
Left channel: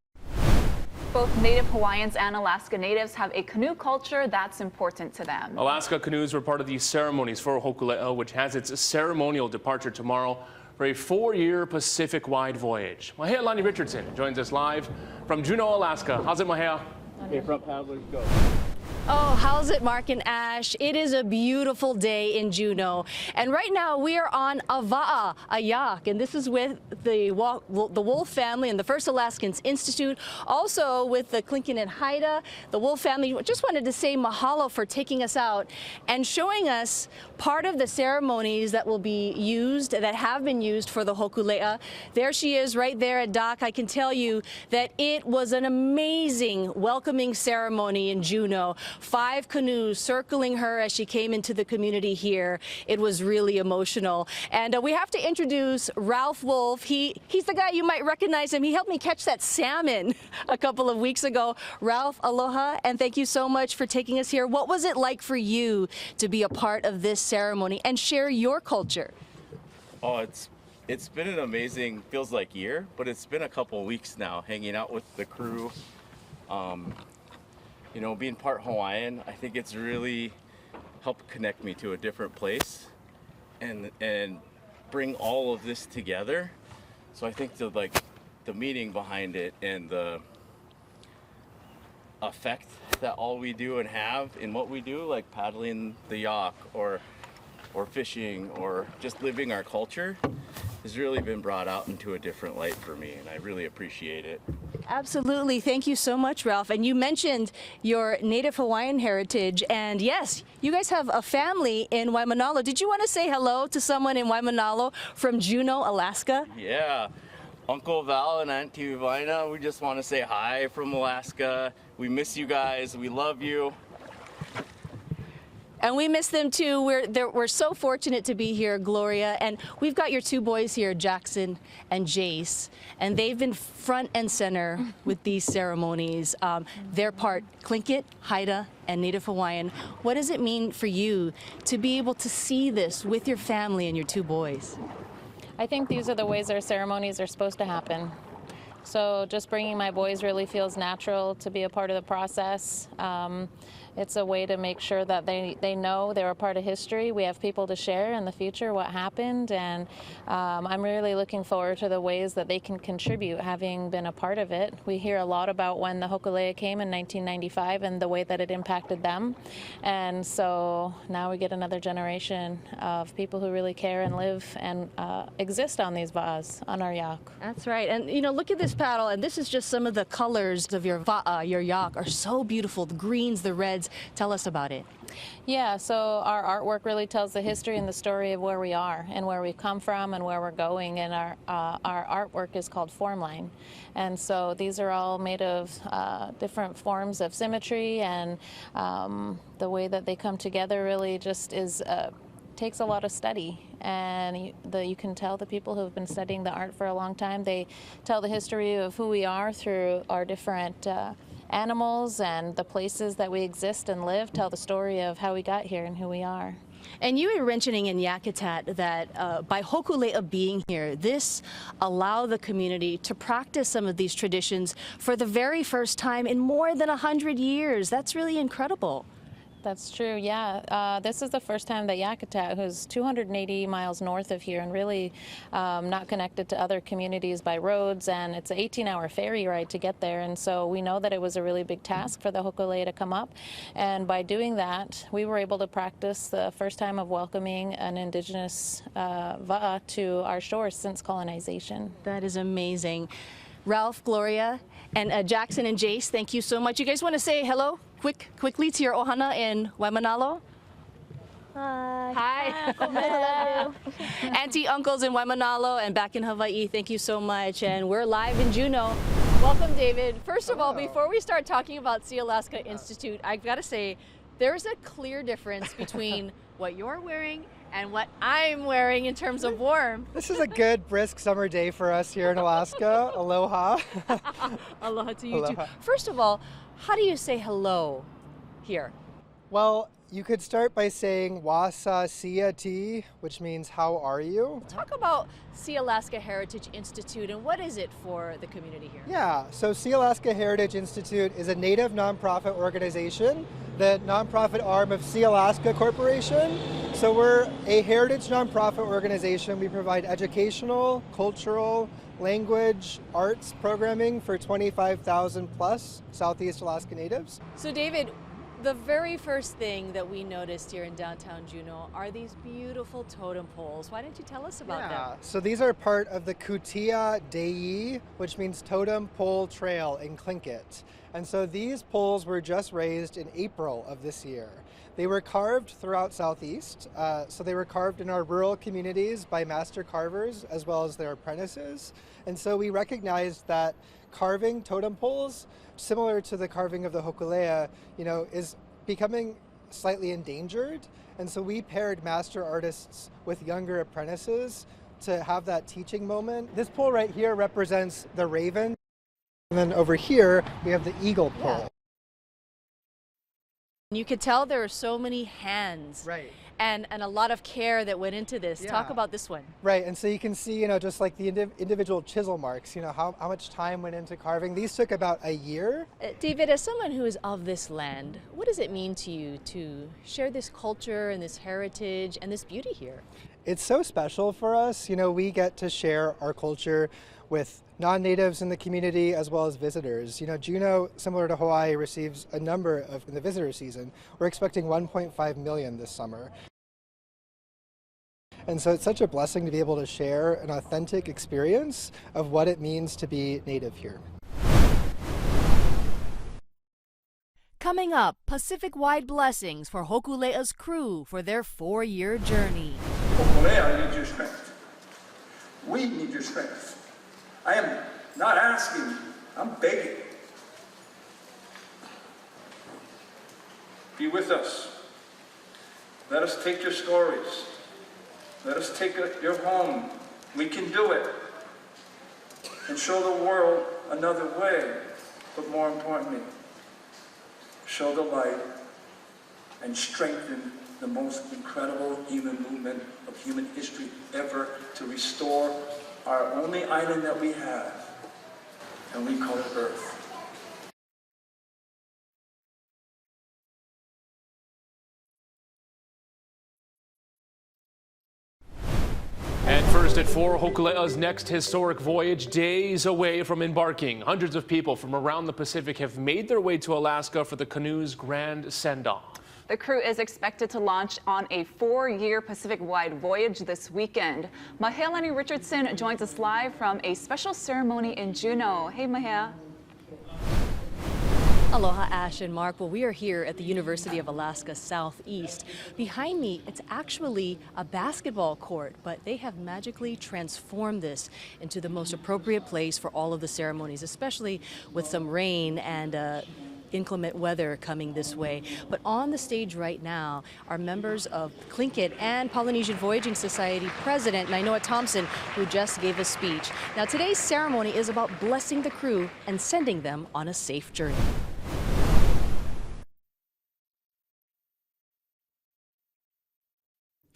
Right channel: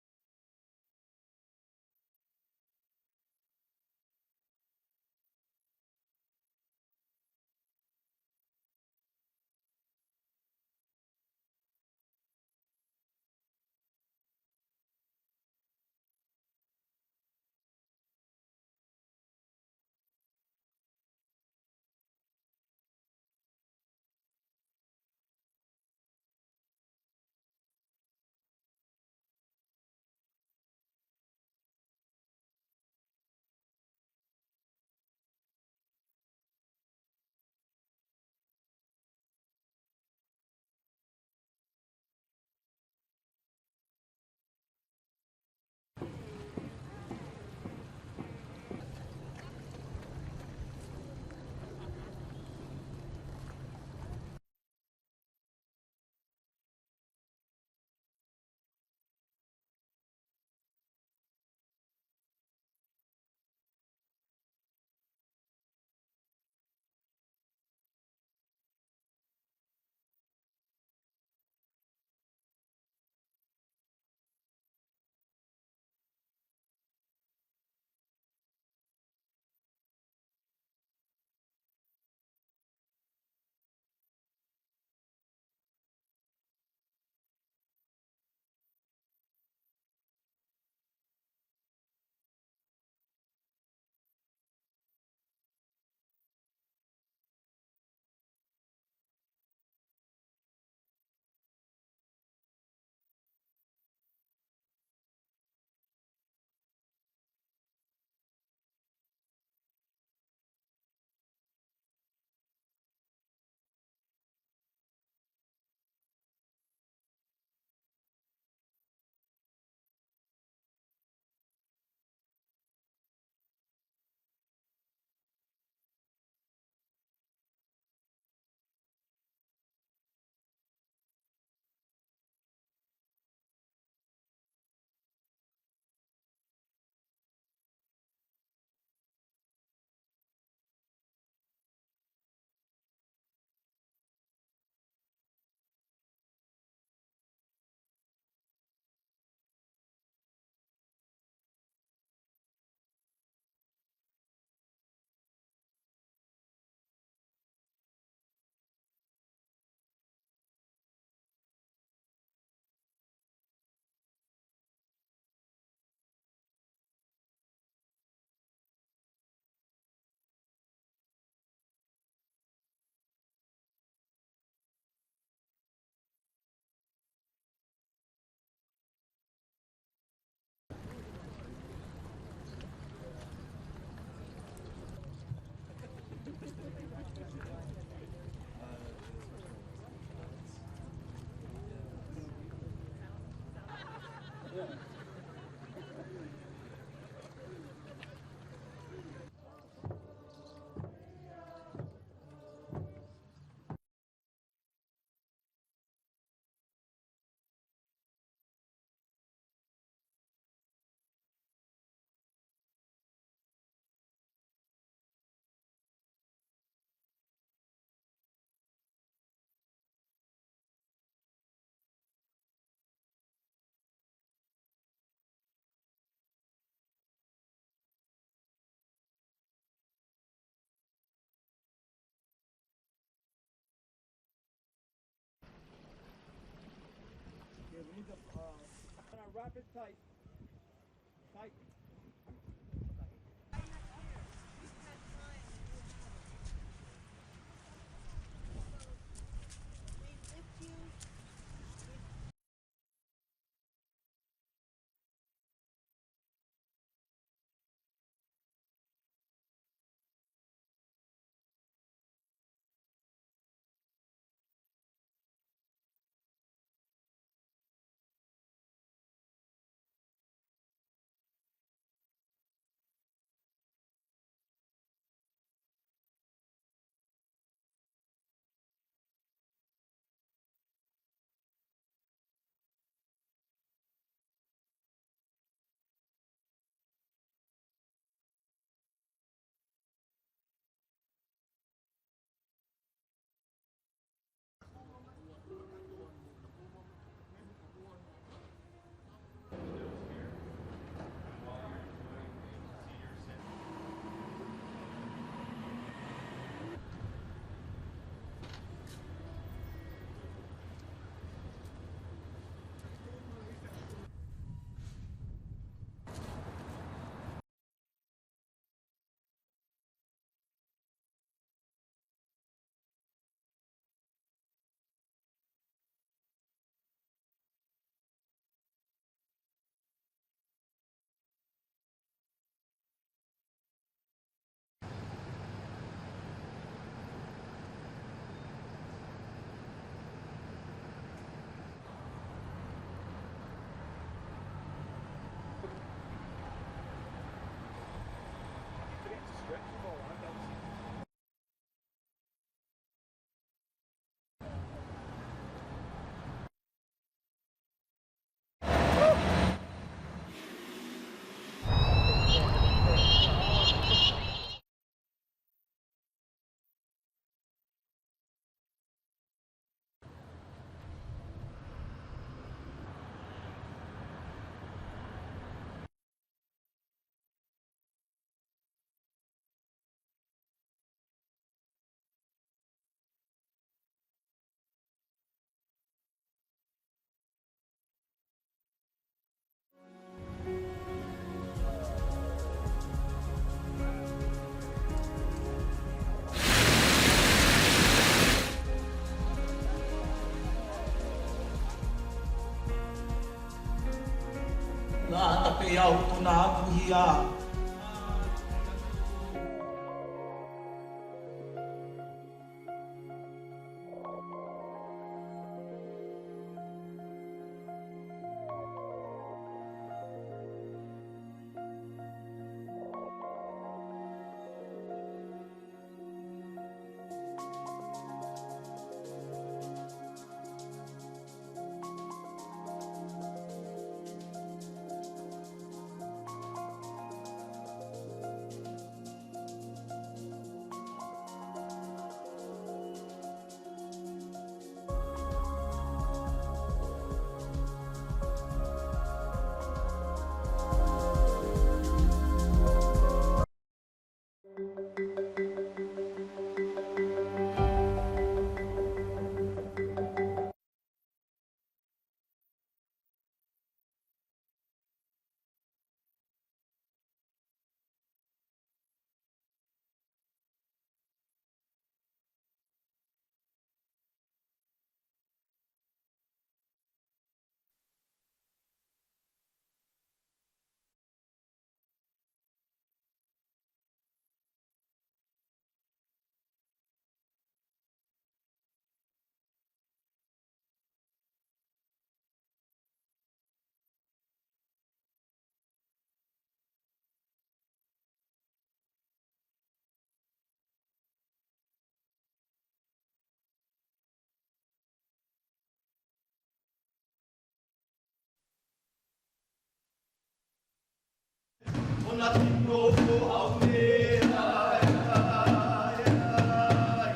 Both Native Hawaiians and Alaska Natives have a canoe culture that's important to them. Alaska canoes were part of the ceremonies for Hokulea, which has its ceremonial departure tomorrow for a 4-year Pacific-wide voyage. Moananuiakea Richardson joins us live from Juneau, Alaska. How's it, Moananuiakea? Okay, front paddlers, go. Oh, how's it, Mark and Ash? It is a beautiful day in Juneau. And right now we are on a va'a, a yak, and this is with the Wolf family and the First Alaskans Institute, also with the Klinkin and Haida, the Wolf family. Just wanted to say mahalo for taking us out and showing us part of the ceremonies that will be used, that have been used for the Hokulea. There she is right there at dock. I can tell you that it was an amazing welcoming ceremony in Juneau. 5 canoes circling her as she came into the community here. It was really emotional. And we have to introduce Ralph Wolf. He's the guy, you might recognize him. He helped me catch that salmon a couple of weeks ago. Ralph, aloha, and thank you so much for taking us here. What was it like for you to be a part of this ceremony and share your culture? Oh, it's been an amazing, feels like year, but it's been a couple of weeks now hanging out with the crew. You know, being part Hawaiian, I think it's really helped connect me to a different place and bring all of this together. So I think the meaning behind it and the effect that all we do and have in what we do, like paddling the yak or fishing or just living our culture, has really been brought out into a different light for me, and I really appreciate it. Absolutely. Thank you so much, Ralph. And you mentioned your Native Hawaiian heritage, and yes, you guys have a family in Waimanalo. Did you want to say hello to someone in Waimanalo from Juneau, Alaska? Yeah. Uncle Val and Auntie Vina, we just want to say hi from Alaska. We miss you guys. We love you. And we miss them too. We're so fortunate to be here, Gloria. And we've got your 2 boys here, Jackson and Jace. And they've been front and center with these ceremonies. They're part Tlingit, Haida, and Native Hawaiian. What does it mean for you to be able to see this with your family and your 2 boys? I think these are the ways our ceremonies are supposed to happen. So just bringing my boys really feels natural to be a part of the process. It's a way to make sure that they know they're a part of history. We have people to share in the future what happened, and I'm really looking forward to the ways that they can contribute, having been a part of it. We hear a lot about when the Hokulea came in 1995 and the way that it impacted them, and so now we get another generation of people who really care and live and exist on these va'as, on our yak. That's right. And you know, look at this paddle, and this is just some of the colors of your va'a, your yak, are so beautiful. The greens, the reds. Tell us about it. Yeah, so our artwork really tells the history and the story of where we are and where we've come from and where we're going, and our artwork is called Formline. And so these are all made of different forms of symmetry, and the way that they come together really just takes a lot of study, and you can tell the people who have been studying the art for a long time, they tell the history of who we are through our different animals, and the places that we exist and live tell the story of how we got here and who we are. And you were mentioning in Yakitat that by Hokulea being here, this allowed the community to practice some of these traditions for the very first time in more than 100 years. That's really incredible. That's true, yeah. This is the first time that Yakitat, who's 280 miles north of here and really not connected to other communities by roads, and it's an 18-hour ferry ride to get there, and so we know that it was a really big task for the Hokulea to come up, and by doing that, we were able to practice the first time of welcoming an indigenous va'a to our shores since colonization. That is amazing. Ralph, Gloria, and Jackson and Jace, thank you so much. You guys want to say hello quickly to your ohana in Waimanalo? Hi. Hi. Auntie, uncles in Waimanalo and back in Hawaii, thank you so much. And we're live in Juneau. Welcome, David. First of all, before we start talking about Sea Alaska Institute, I've got to say, there's a clear difference between what you're wearing and what I'm wearing in terms of warm. This is a good, brisk summer day for us here in Alaska. Aloha. Aloha to you Aloha. too. First of all, how do you say hello here? Well, You could start by saying Wasa Siati, which means how are you? Talk about Sea Alaska Heritage Institute and what is it for the community here? Yeah, so Sea Alaska Heritage Institute is a Native nonprofit organization, the nonprofit arm of Sea Alaska Corporation. So we're a heritage nonprofit organization. We provide educational, cultural, language, arts programming for 25,000 plus Southeast Alaska Natives. So David, the very first thing that we noticed here in downtown Juneau are these beautiful totem poles. Why don't you tell us about them? So these are part of the Kutia Dei, which means Totem Pole Trail in Tlingit. And so these poles were just raised in April of this year. They were carved throughout Southeast. So they were carved in our rural communities by master carvers as well as their apprentices. And so we recognized that carving totem poles, similar to the carving of the Hokulea, is becoming slightly endangered. And so we paired master artists with younger apprentices to have that teaching moment. This pole right here represents the raven. And then over here, we have the eagle pole. You could tell there are so many hands. Right. And a lot of care that went into this. Yeah. Talk about this one. Right, and so you can see, just like the individual chisel marks, how much time went into carving. These took about a year. David, as someone who is of this land, what does it mean to you to share this culture and this heritage and this beauty here? It's so special for us. We get to share our culture with non-natives in the community as well as visitors. Juneau, similar to Hawaii, receives a number of the visitor season. We're expecting 1.5 million this summer. And so it's such a blessing to be able to share an authentic experience of what it means to be native here. Coming up, Pacific-wide blessings for Hokulea's crew for their 4-year journey. Hokulea needs your strength. We need your strength. I am not asking you, I'm begging. Be with us. Let us take your stories. Let us take your home. We can do it. And show the world another way. But more importantly, show the light and strengthen the most incredible human movement of human history ever to restore our only island that we have, and we call it Earth. And first at 4, Hokulea's next historic voyage, days away from embarking. Hundreds of people from around the Pacific have made their way to Alaska for the canoe's grand send-off. The crew is expected to launch on a 4-year Pacific-wide voyage this weekend. Moananuiakea Richardson joins us live from a special ceremony in Juneau. Hey, Mahea. Aloha, Ash and Mark. Well, we are here at the University of Alaska Southeast. Behind me, it's actually a basketball court, but they have magically transformed this into the most appropriate place for all of the ceremonies, especially with some rain and inclement weather coming this way. But on the stage right now are members of Tlingit and Polynesian Voyaging Society President Nainoa Thompson, who just gave a speech. Now, today's ceremony is about blessing the crew and sending them on a safe journey.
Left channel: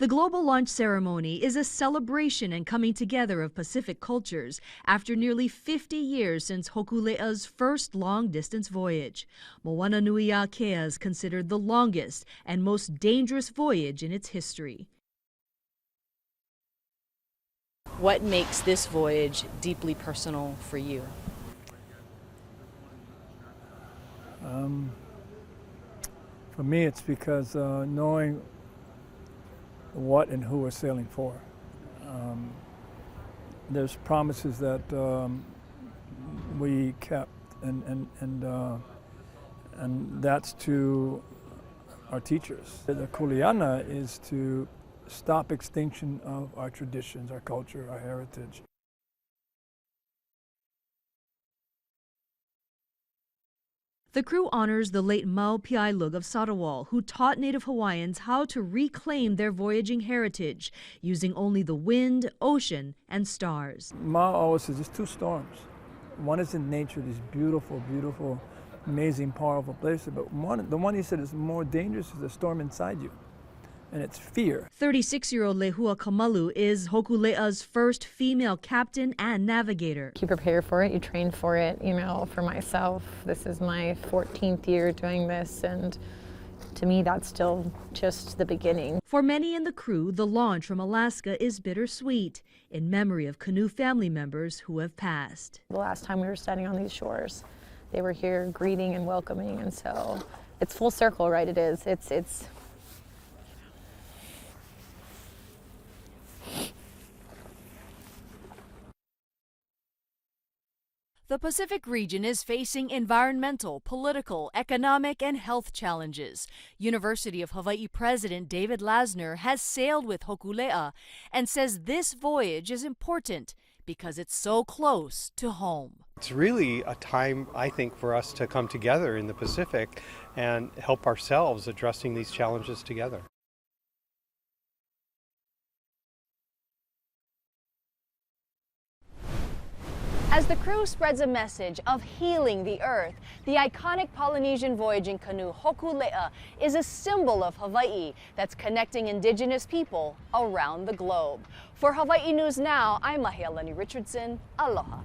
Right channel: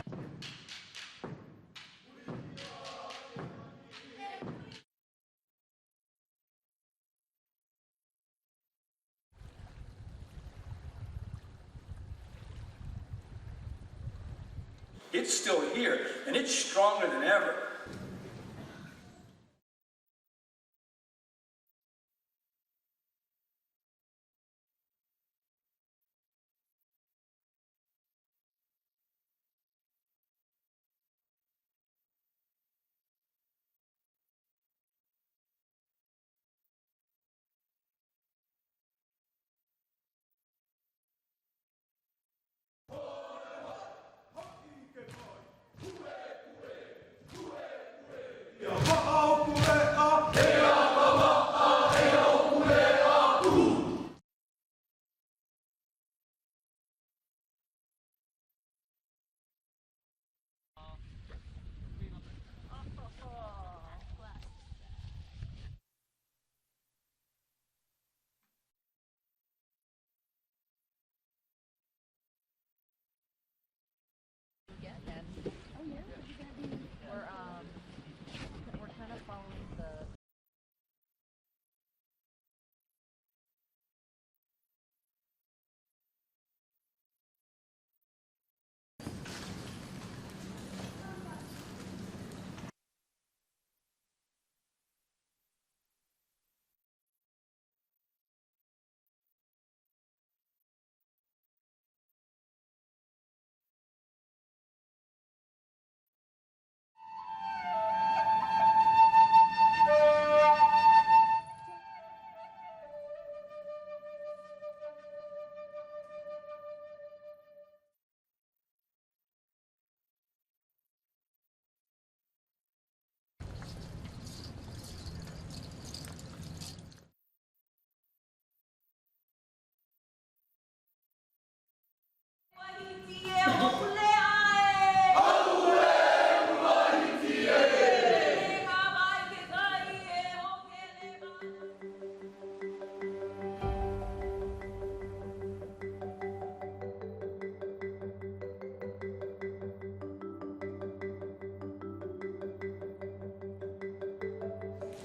The global launch ceremony is a celebration and coming together of Pacific cultures after nearly 50 years since Hokulea's first long-distance voyage. Moananuiakea is considered the longest and most dangerous voyage in its history. It's still here, and it's stronger than ever. What makes this voyage deeply personal for you? For me, it's because knowing what and who we're sailing for. There's promises that we kept, and that's to our teachers. The kuleana is to stop extinction of our traditions, our culture, our heritage. The crew honors the late Mau Piailug of Satawal, who taught Native Hawaiians how to reclaim their voyaging heritage using only the wind, ocean, and stars. Ma always says there's two storms. One is in nature, these beautiful, beautiful amazing, powerful place. But the one he said is more dangerous is the storm inside you, and it's fear. 36-year-old Lehua Kamalu is Hokulea's first female captain and navigator. You prepare for it, you train for it. You know, for myself, this is my 14th year doing this, and to me, that's still just the beginning. For many in the crew, the launch from Alaska is bittersweet, in memory of canoe family members who have passed. The last time we were standing on these shores, they were here greeting and welcoming, and so it's full circle, right? It is. It's The Pacific region is facing environmental, political, economic, and health challenges. University of Hawaii President David Lasner has sailed with Hokulea and says this voyage is important because it's so close to home. It's really a time, I think, for us to come together in the Pacific and help ourselves addressing these challenges together. As the crew spreads a message of healing the earth, the iconic Polynesian voyaging canoe Hokulea is a symbol of Hawaii that's connecting indigenous people around the globe. For Hawaii News Now, I'm Mahealani Richardson. Aloha.